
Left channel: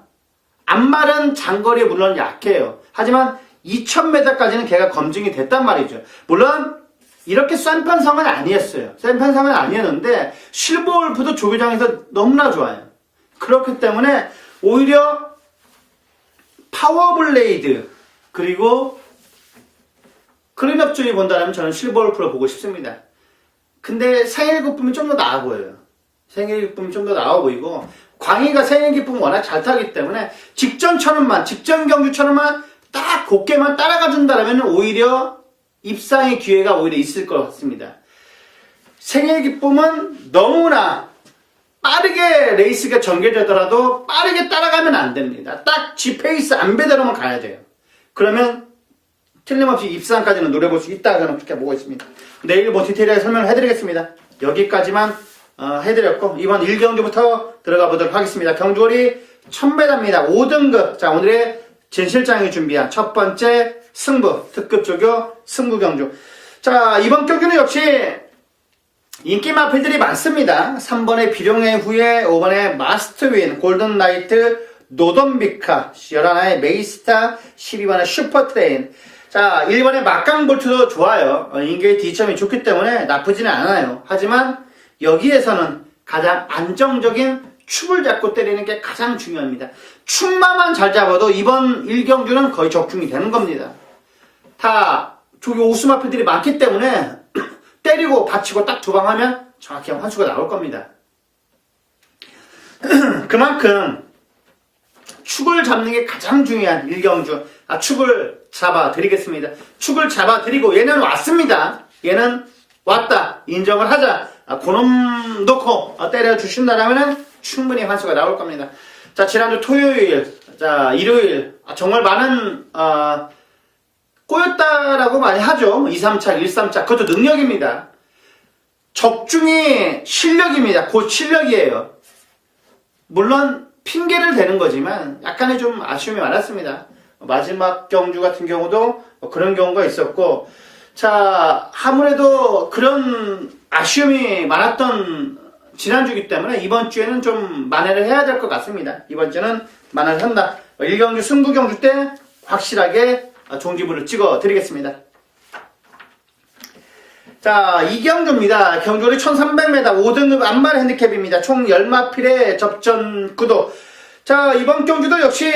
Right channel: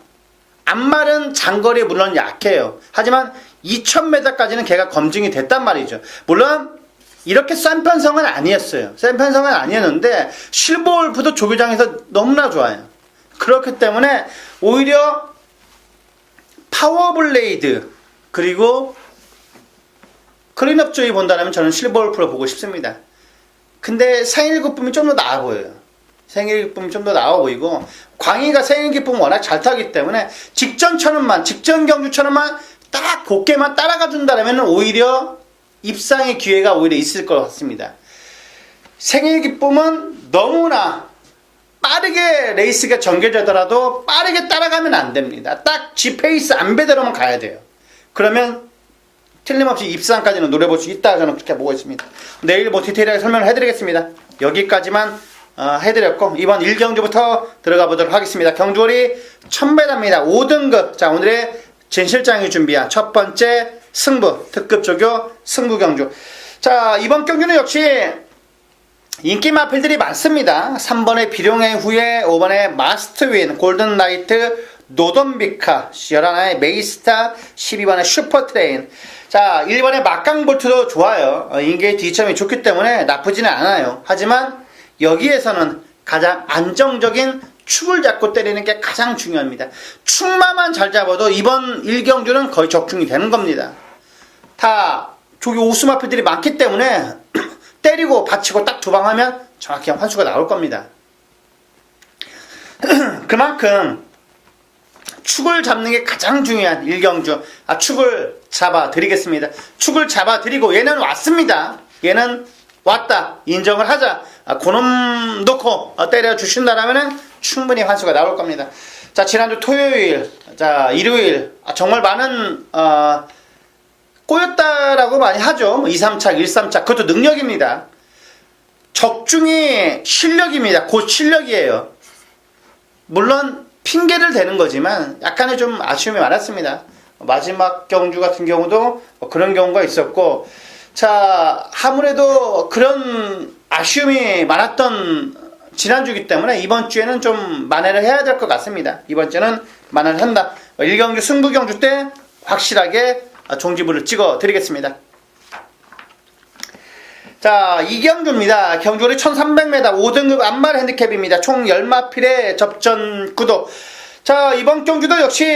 안말은 장거리에 물론 약해요. 하지만 2000m까지는 걔가 검증이 됐단 말이죠. 물론 이렇게 센 편성은 아니었어요. 센 편성은 아니었는데 실버울프도 조교장에서 너무나 좋아요. 그렇기 때문에 오히려 파워블레이드 그리고 클린업 조이 본다면 저는 실버울프를 보고 싶습니다. 근데 생일 기쁨이 좀 더 나아 보여요. 생일 기쁨이 좀 더 나아 보이고, 광희가 생일 기쁨 워낙 잘 타기 때문에 직전 경주처럼만 딱 곱게만 따라가 준다면 오히려 입상의 기회가 오히려 있을 것 같습니다. 생일 기쁨은 너무나 빠르게 레이스가 전개되더라도 빠르게 따라가면 안 됩니다. 딱 G페이스 안배대로만 가야 돼요. 그러면 틀림없이 입상까지는 노려볼 수 있다, 저는 그렇게 보고 있습니다. 내일 뭐 디테일하게 설명을 해드리겠습니다. 여기까지만 해드렸고, 이번 1경주부터 들어가 보도록 하겠습니다. 경주월이 1000m입니다. 5등급. 자, 오늘의 진실장이 준비한 첫 번째 승부, 특급 조교 승부 경주. 자, 이번 경주는 역시 인기 마필들이 많습니다. 3번의 비룡의 후예, 5번의 마스트윈, 골든라이트, 노던비카, 11번의 메이스타, 12번의 슈퍼트레인. 자, 1번의 막강볼트도 좋아요. 인계의 뒤점이 좋기 때문에 나쁘지는 않아요. 하지만 여기에서는 가장 안정적인 축을 잡고 때리는 게 가장 중요합니다. 축마만 잘 잡아도 이번 1경주는 거의 적중이 되는 겁니다. 다 조기 오수마필들이 많기 때문에 때리고 받치고 딱 두 방 하면 정확히 환수가 나올 겁니다. 그만큼 축을 잡는 게 가장 중요한 1경주. 축을 잡아 드리겠습니다. 축을 잡아 드리고 얘는 왔습니다. 얘는 왔다. 인정을 하자. 그놈 놓고 때려 주신다라면 충분히 환수가 나올 겁니다. 자, 지난주 토요일, 자, 일요일, 정말 많은 꼬였다라고 많이 하죠. 2, 3차, 1, 3차. 그것도 능력입니다. 적중이 실력입니다. 곧 실력이에요. 물론 핑계를 대는 거지만 약간의 좀 아쉬움이 많았습니다. 마지막 경주 같은 경우도 그런 경우가 있었고, 자, 아무래도 그런 아쉬움이 많았던 지난주이기 때문에 이번 주에는 좀 만회를 해야 될 것 같습니다. 이번 주는 만회를 한다. 1경주 승부 경주 때 확실하게 종지부를 찍어 드리겠습니다. 자, 2경주입니다. 경주리 1300m 5등급 안말 핸디캡입니다. 총 10마필의 접전 구도. 자, 이번 경주도 역시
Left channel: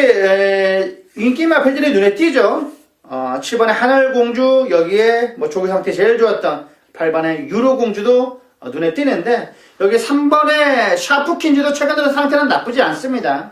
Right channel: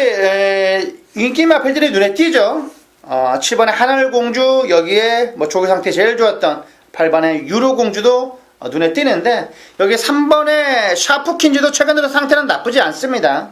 인기 마필들이 눈에 띄죠. 7번의 하늘공주, 여기에 뭐 조기 상태 제일 좋았던 8번의 유로공주도 눈에 띄는데, 여기 3번의 샤프킨즈도 최근 들어 상태는 나쁘지 않습니다.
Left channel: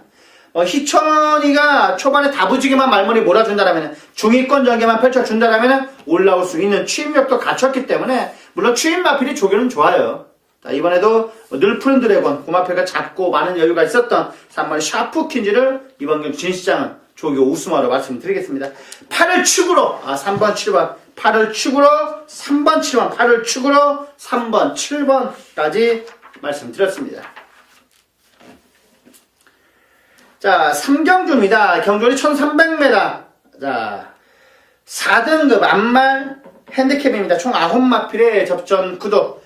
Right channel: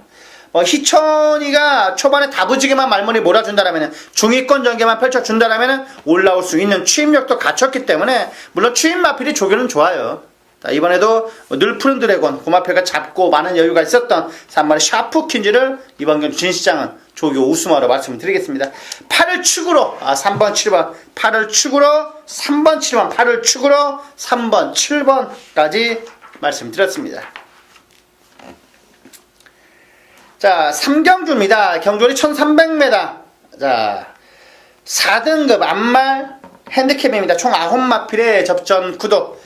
희천이가 초반에 다부지게만 말문이 몰아준다라면, 중위권 전개만 펼쳐준다라면 올라올 수 있는 추임력도 갖췄기 때문에, 물론 추임 마필이 조교는 좋아요. 자, 이번에도 늘 푸른 드래곤, 고마필가 잡고 많은 여유가 있었던 3번의 샤프킨즈를 이번 경주 진시장은 조교 우승으로 말씀드리겠습니다. 8을 축으로 3번 7번, 8을 축으로 3번 7번, 8을 축으로 3번 7번까지 말씀드렸습니다. 자, 3경주입니다. 경주리 1300m. 자, 4등급 안말 핸디캡입니다. 총 9마필의 접전 구도.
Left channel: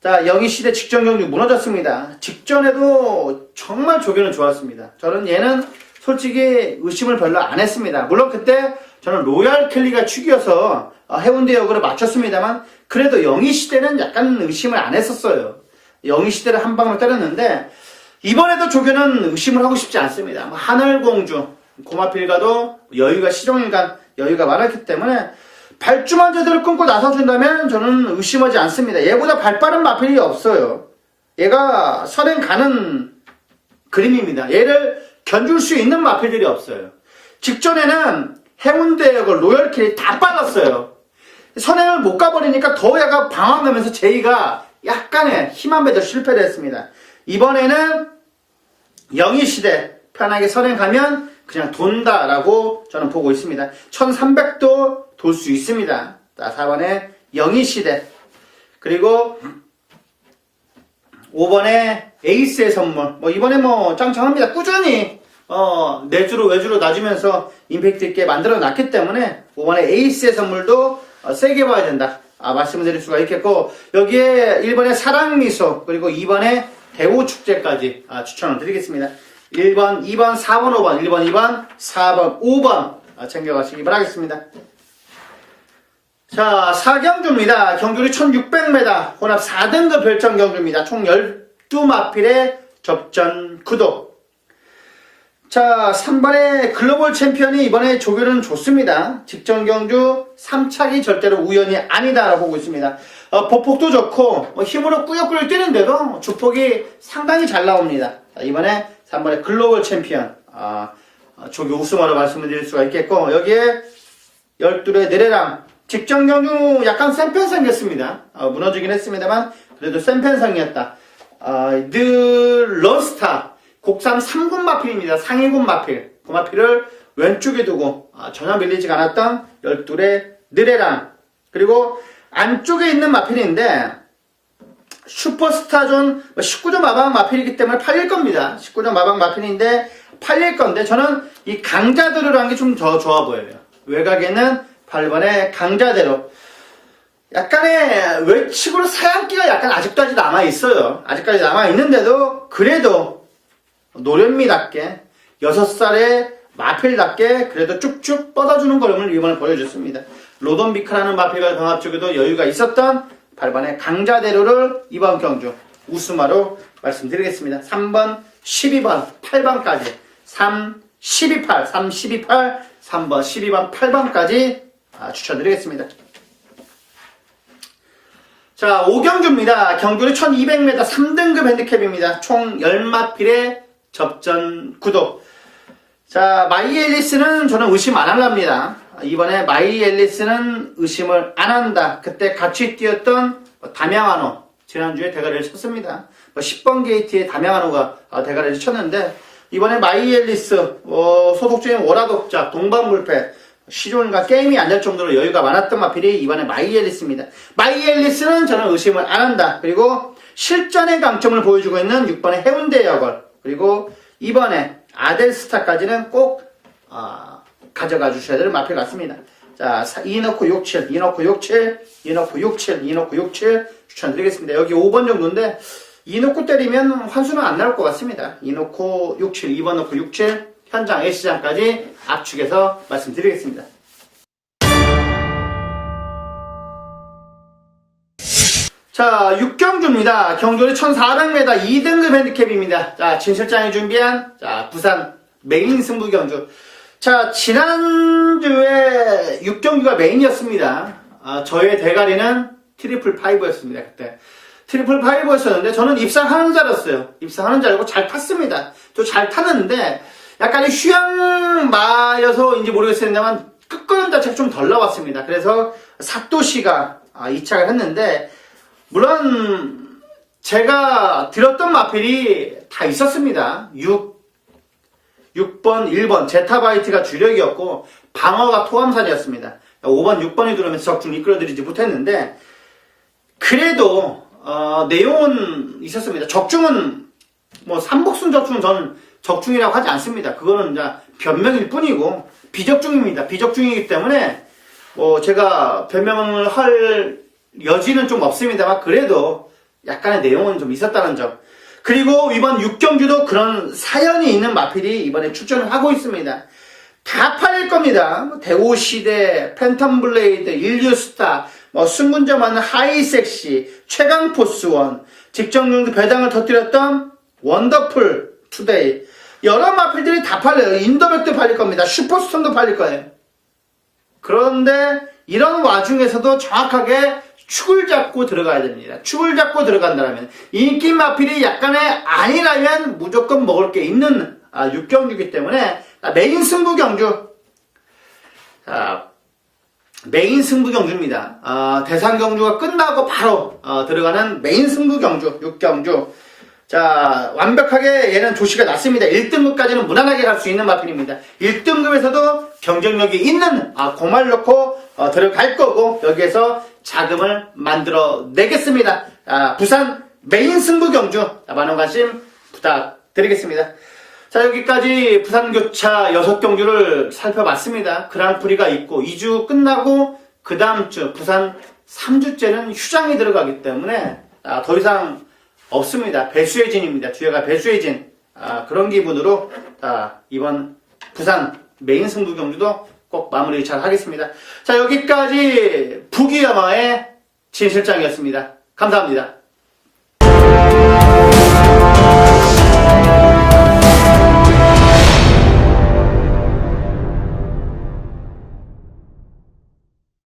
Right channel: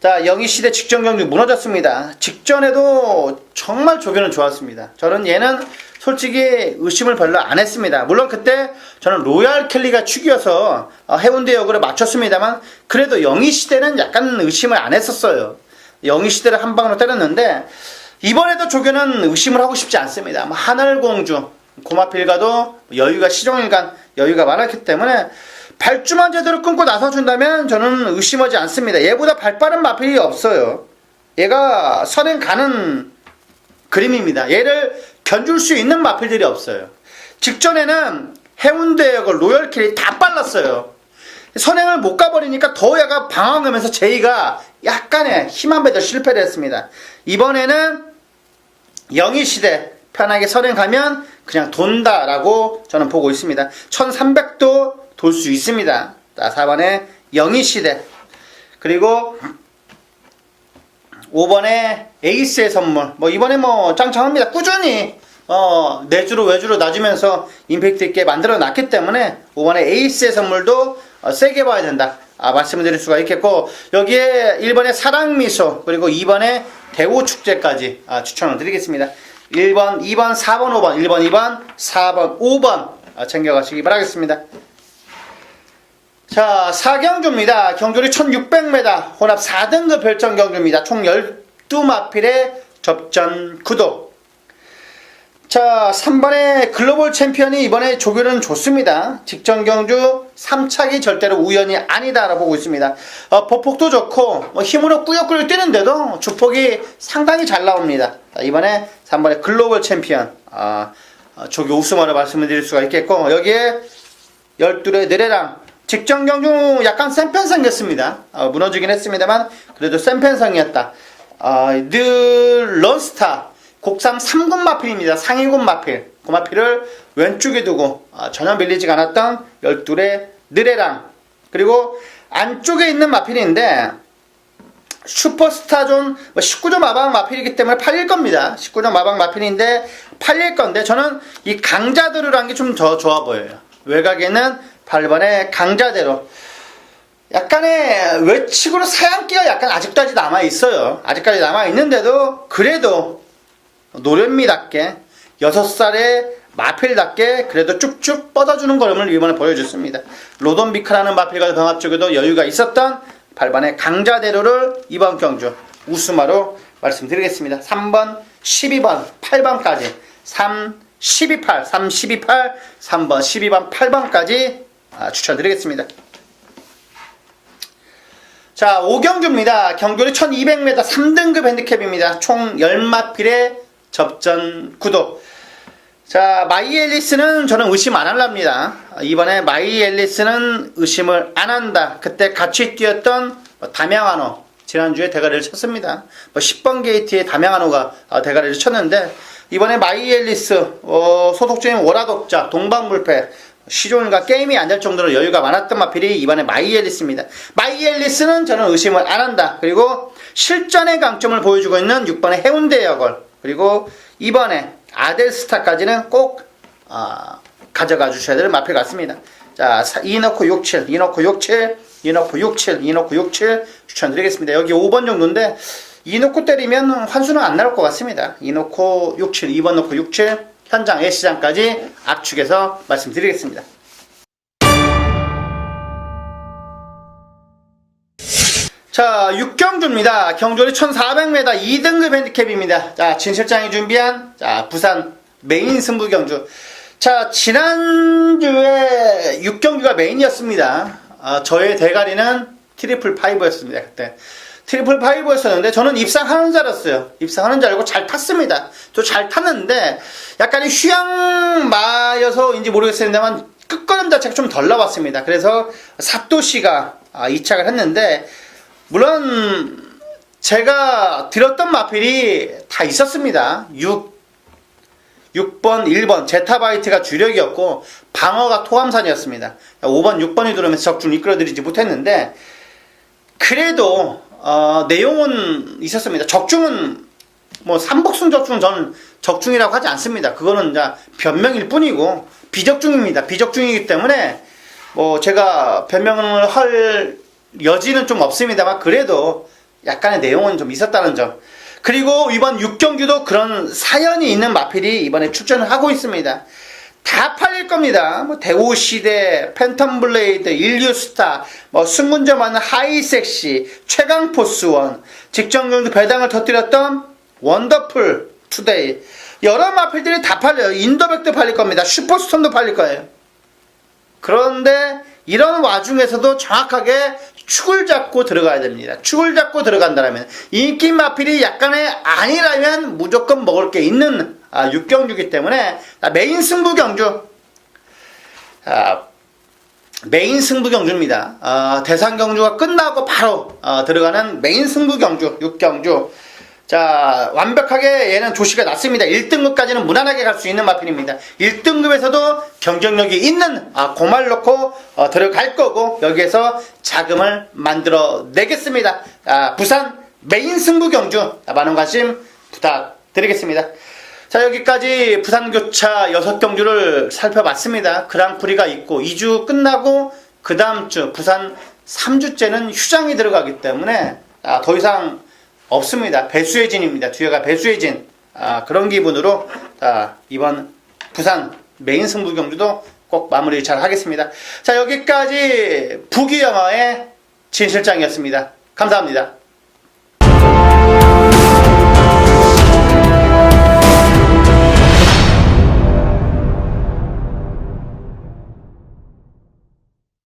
자, 영희시대 직전 경주 무너졌습니다. 직전에도 정말 조교는 좋았습니다. 저는 얘는 솔직히 의심을 별로 안 했습니다. 물론 그때 저는 로얄 켈리가 축이어서 해운대 역으로 맞췄습니다만, 그래도 영희시대는 약간 의심을 안 했었어요. 영희시대를 한 방으로 때렸는데, 이번에도 조교는 의심을 하고 싶지 않습니다. 하늘공주, 고마필가도 여유가 시종일관 여유가 많았기 때문에 발주만 제대로 끊고 나서준다면 저는 의심하지 않습니다. 얘보다 발빠른 마필이 없어요. 얘가 선행 가는 그림입니다. 얘를 견줄 수 있는 마필들이 없어요. 직전에는 해운대역을 로열킬이 다 빨랐어요. 선행을 못 가버리니까 더 얘가 방황하면서 제이가 약간의 힘한 배도 실패를 했습니다. 이번에는 영희시대 편하게 선행 가면 그냥 돈다라고 저는 보고 있습니다. 1300도 돌 수 있습니다. 자, 4번에 영희시대, 그리고 5번에 에이스의 선물. 이번에 짱짱합니다. 꾸준히 내주로 외주로 놔주면서 임팩트 있게 만들어 놨기 때문에 5번에 에이스의 선물도 세게 봐야 된다, 말씀을 드릴 수가 있겠고, 여기에 1번에 사랑미소, 그리고 2번에 대우축제까지 추천을 드리겠습니다. 1번, 2번, 4번, 5번, 1번, 2번, 4번, 5번 챙겨가시기 바라겠습니다. 자, 4경주입니다. 경주리 1600m 혼합 4등급 별정 경주입니다. 총 12마필의 접전 구도. 자, 3번의 글로벌 챔피언이 이번에 조교는 좋습니다. 직전 경주 3착이 절대로 우연이 아니다라고 보고 있습니다. 보폭도 좋고 힘으로 꾸역꾸역 뛰는데도 주폭이 상당히 잘 나옵니다. 자, 이번에 3번의 글로벌 챔피언 조교 우승으로 말씀을 드릴 수가 있겠고, 여기에 12의 내래랑 직전 경주 약간 센 편 생겼습니다. 무너지긴 했습니다만 그래도 센 편성이었다. 늘 런스타 국산 3군 마필입니다. 상위군 마필. 그 마필을 왼쪽에 두고 전혀 밀리지가 않았던 12의 느레랑, 그리고 안쪽에 있는 마필인데 슈퍼스타존 19점 마방 마필이기 때문에 팔릴 겁니다. 19점 마방 마필인데 팔릴 건데 저는 이 강자대로라는 게 좀 더 좋아 보여요. 외곽에는 8번의 강자대로. 약간의 외측으로 사양기가 약간 아직까지 남아있어요. 아직까지 남아있는데도 그래도 노련미답게 6살의 마필답게 그래도 쭉쭉 뻗어주는 걸음을 이번에 보여줬습니다. 로돈비카라는 마필과 경합 쪽에도 여유가 있었던 8번의 강자대로를 이번 경주 우스마로 말씀드리겠습니다. 3번, 12번, 8번까지 3, 12, 8, 3, 12, 8, 3번, 12번, 8번까지 추천드리겠습니다. 자, 5경주입니다. 경주는 1200m 3등급 핸디캡입니다. 총 10마필의 접전 구도. 자, 마이 앨리스는 저는 의심 안 합니다. 이번에 마이 앨리스는 의심을 안 한다. 그때 같이 뛰었던 담양한호, 지난주에 대가리를 쳤습니다. 10번 게이트에 담양한호가 대가리를 쳤는데, 이번에 마이 앨리스, 소속주인 월화독자, 동방불패, 시종일관 게임이 안 될 정도로 여유가 많았던 마필이 이번에 마이 앨리스입니다. 마이 앨리스는 저는 의심을 안 한다. 그리고 실전의 강점을 보여주고 있는 6번의 해운대 여걸, 그리고 이번에 아델스타까지는 꼭 가져가 주셔야 될 마필 같습니다. 자, 2 넣고 67, 2 넣고 67, 2 넣고 67, 2 넣고 67 추천드리겠습니다. 여기 5번 정도인데 2 넣고 때리면 환수는 안 나올 것 같습니다. 2 넣고 67, 2번 넣고 67, 현장 예시장까지 압축해서 말씀드리겠습니다. 자, 6경주입니다. 경주는 1400m 2등급 핸디캡입니다. 자, 진 실장이 준비한 부산 메인 승부 경주. 자, 지난주에 6경주가 메인이었습니다. 저의 대가리는 트리플 5였습니다. 그때 트리플 5였었는데 저는 입상하는 줄 알았어요. 입상하는 줄 알고 잘 탔습니다. 또 잘 탔는데 약간의 휴양마여서인지 모르겠습니다만 끝걸음 자체가 좀 덜 나왔습니다. 그래서 사또씨가 이착을 했는데, 물론 제가 들었던 마필이 다 있었습니다. 6번, 1번 제타바이트가 주력이었고 방어가 토함산이었습니다. 5번, 6번이 들어오면서 적중 이끌어드리지 못했는데 그래도 내용은 있었습니다. 적중은 뭐 삼복순 적중은 저는 적중이라고 하지 않습니다. 그거는 이제 변명일 뿐이고 비적중입니다. 비적중이기 때문에 뭐 제가 변명을 할 여지는 좀 없습니다만 그래도 약간의 내용은 좀 있었다는 점. 그리고 이번 6경주도 그런 사연이 있는 마필이 이번에 출전을 하고 있습니다. 다 팔릴 겁니다. 뭐 대오시대, 팬텀블레이드, 인류스타, 뭐 승문점 많은 하이섹시, 최강포스원, 직전경주 배당을 터뜨렸던 원더풀 투데이, 여러 마필들이 다 팔려요. 인도백도 팔릴 겁니다. 슈퍼스톤도 팔릴 거예요. 그런데 이런 와중에서도 정확하게 축을 잡고 들어가야 됩니다. 축을 잡고 들어간다면 인기 마필이 약간의 아니라면 무조건 먹을 게 있는 6경주이기 때문에 메인 승부 경주, 메인 승부 경주입니다. 대상 경주가 끝나고 바로 들어가는 메인 승부 경주 6경주. 자, 완벽하게 얘는 조시가 났습니다. 1등급까지는 무난하게 갈 수 있는 마필입니다. 1등급에서도 경쟁력이 있는 공말 넣고 들어갈 거고 여기에서 자금을 만들어 내겠습니다. 부산 메인 승부 경주 많은 관심 부탁드리겠습니다. 자, 여기까지 부산교차 6경주를 살펴봤습니다. 그랑프리가 있고 2주 끝나고 그 다음 주 부산 3주째는 휴장이 들어가기 때문에 더 이상 없습니다. 배수의 진입니다. 뒤에가 배수의 진. 그런 기분으로 이번 부산 메인 승부 경주도 꼭 마무리 잘 하겠습니다. 자, 여기까지 부기영어의 진 실장이었습니다. 감사합니다.